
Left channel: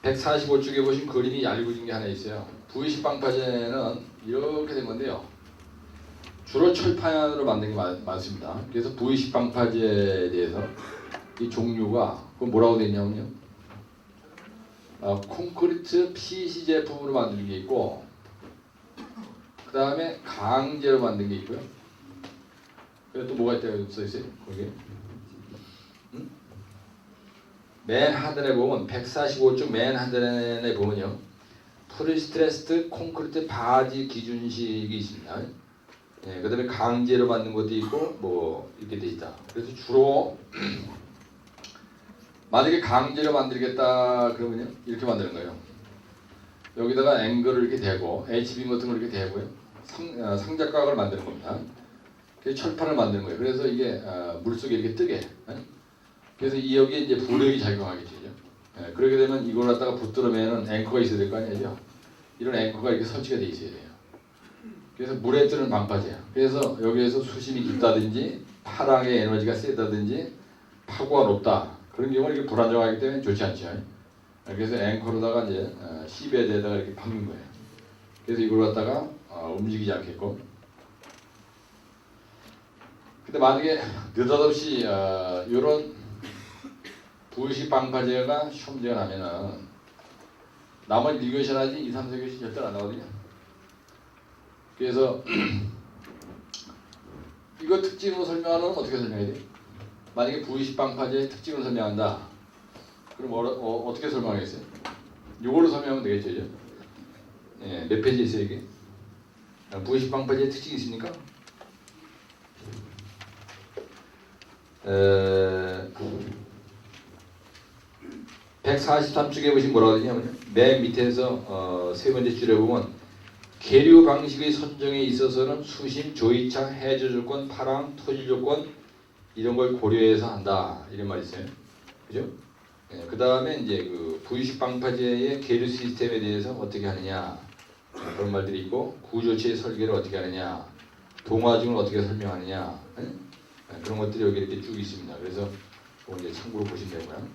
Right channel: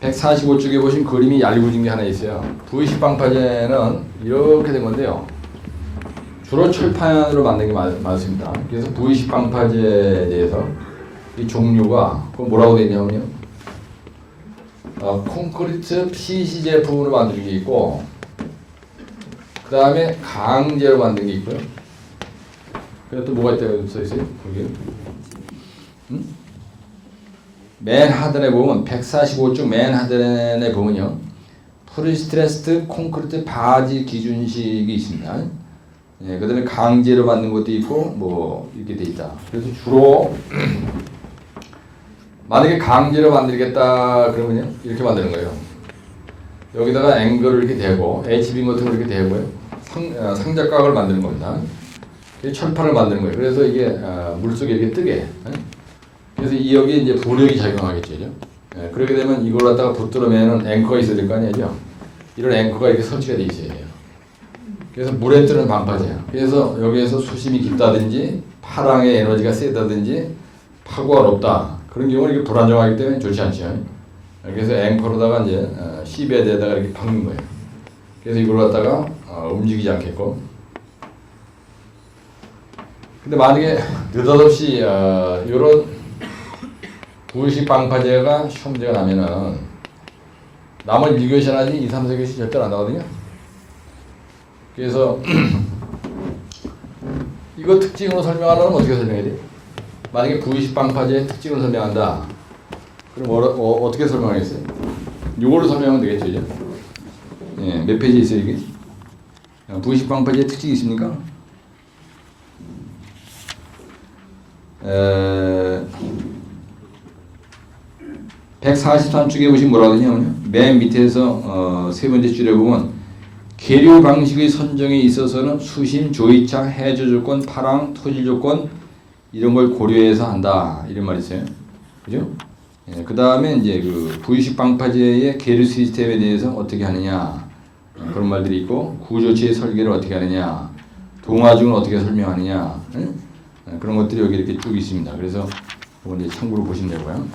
145쪽에 보시면 그림이 얄궂은 게 하나 있어요. 부유식 방파제는 이렇게 된 건데요. 주로 철판으로 만든 게 많습니다. 그래서 부유식 방파제에 대해서 이 종류가 뭐라고 되어 있냐면요. 콘크리트 PC 제품으로 만든 게 있고, 그 다음에 강제로 만든 게 있고요. 그리고 또 뭐가 있다고 써 있어요? 거기. 맨 하단에 보면 145쪽 맨 하단에 보면요. 프리스트레스드 콘크리트 바지 기준식이 있습니다. 예, 그 다음에 강제로 만든 것도 있고 뭐 이렇게 돼 있다. 그래서 주로 만약에 강제로 만들겠다 그러면요 이렇게 만드는 거예요. 여기다가 앵글을 이렇게 대고 H빔 같은 걸 이렇게 대고요. 상자각을 만드는 겁니다. 철판을 만드는 거예요. 그래서 이게 물속에 이렇게 뜨게. 그래서 이 여기에 이제 부력이 작용하겠죠. 예, 그렇게 되면 이걸 갖다가 붙들어매는 앵커가 있어야 될 거 아니에요. 이런 앵커가 이렇게 설치가 돼 있어야 돼요. 그래서 물에 뜨는 방파제야. 그래서 여기에서 수심이 깊다든지 파랑의 에너지가 세다든지 파고가 높다. 그런 경우는 이게 불안정하기 때문에 좋지 않죠. 그래서 앵커로다가 이제 시베드에다가 이렇게 박는 거예요. 그래서 이걸 갖다가 움직이지 않게끔. 근데 만약에 느닷없이 이런 부의식 방파제가 시험 문제가 나면은 나머지 1교시나 2, 3, 4교시 절대 안 나거든요. 그래서 이거 특징으로 설명하려면 어떻게 설명해야 돼요? 만약에 부의식 방파제의 특징을 설명한다. 그럼 어떻게 설명하겠어요? 이걸로 설명하면 되겠죠, 이제? 예, 몇 페이지 있어요, 이게? 부의식 방파제의 특징이 있습니까? 143쪽에 보시면 뭐라고 하냐면 맨 밑에서 세 번째 줄에 보면 계류 방식의 선정에 있어서는 수심, 조이창, 해저 조건, 파랑, 토질 조건 이런 걸 고려해서 한다 이런 말이 있어요. 그죠? 예, 그 다음에 이제 그 부의식 방파제의 계류 시스템에 대해서 어떻게 하느냐 그런 말들이 있고 구조체의 설계를 어떻게 하느냐 동화중을 어떻게 설명하느냐 그런 것들이 여기 이렇게 쭉 있습니다. 그래서 이거 이제 참고로 보시면 되고요.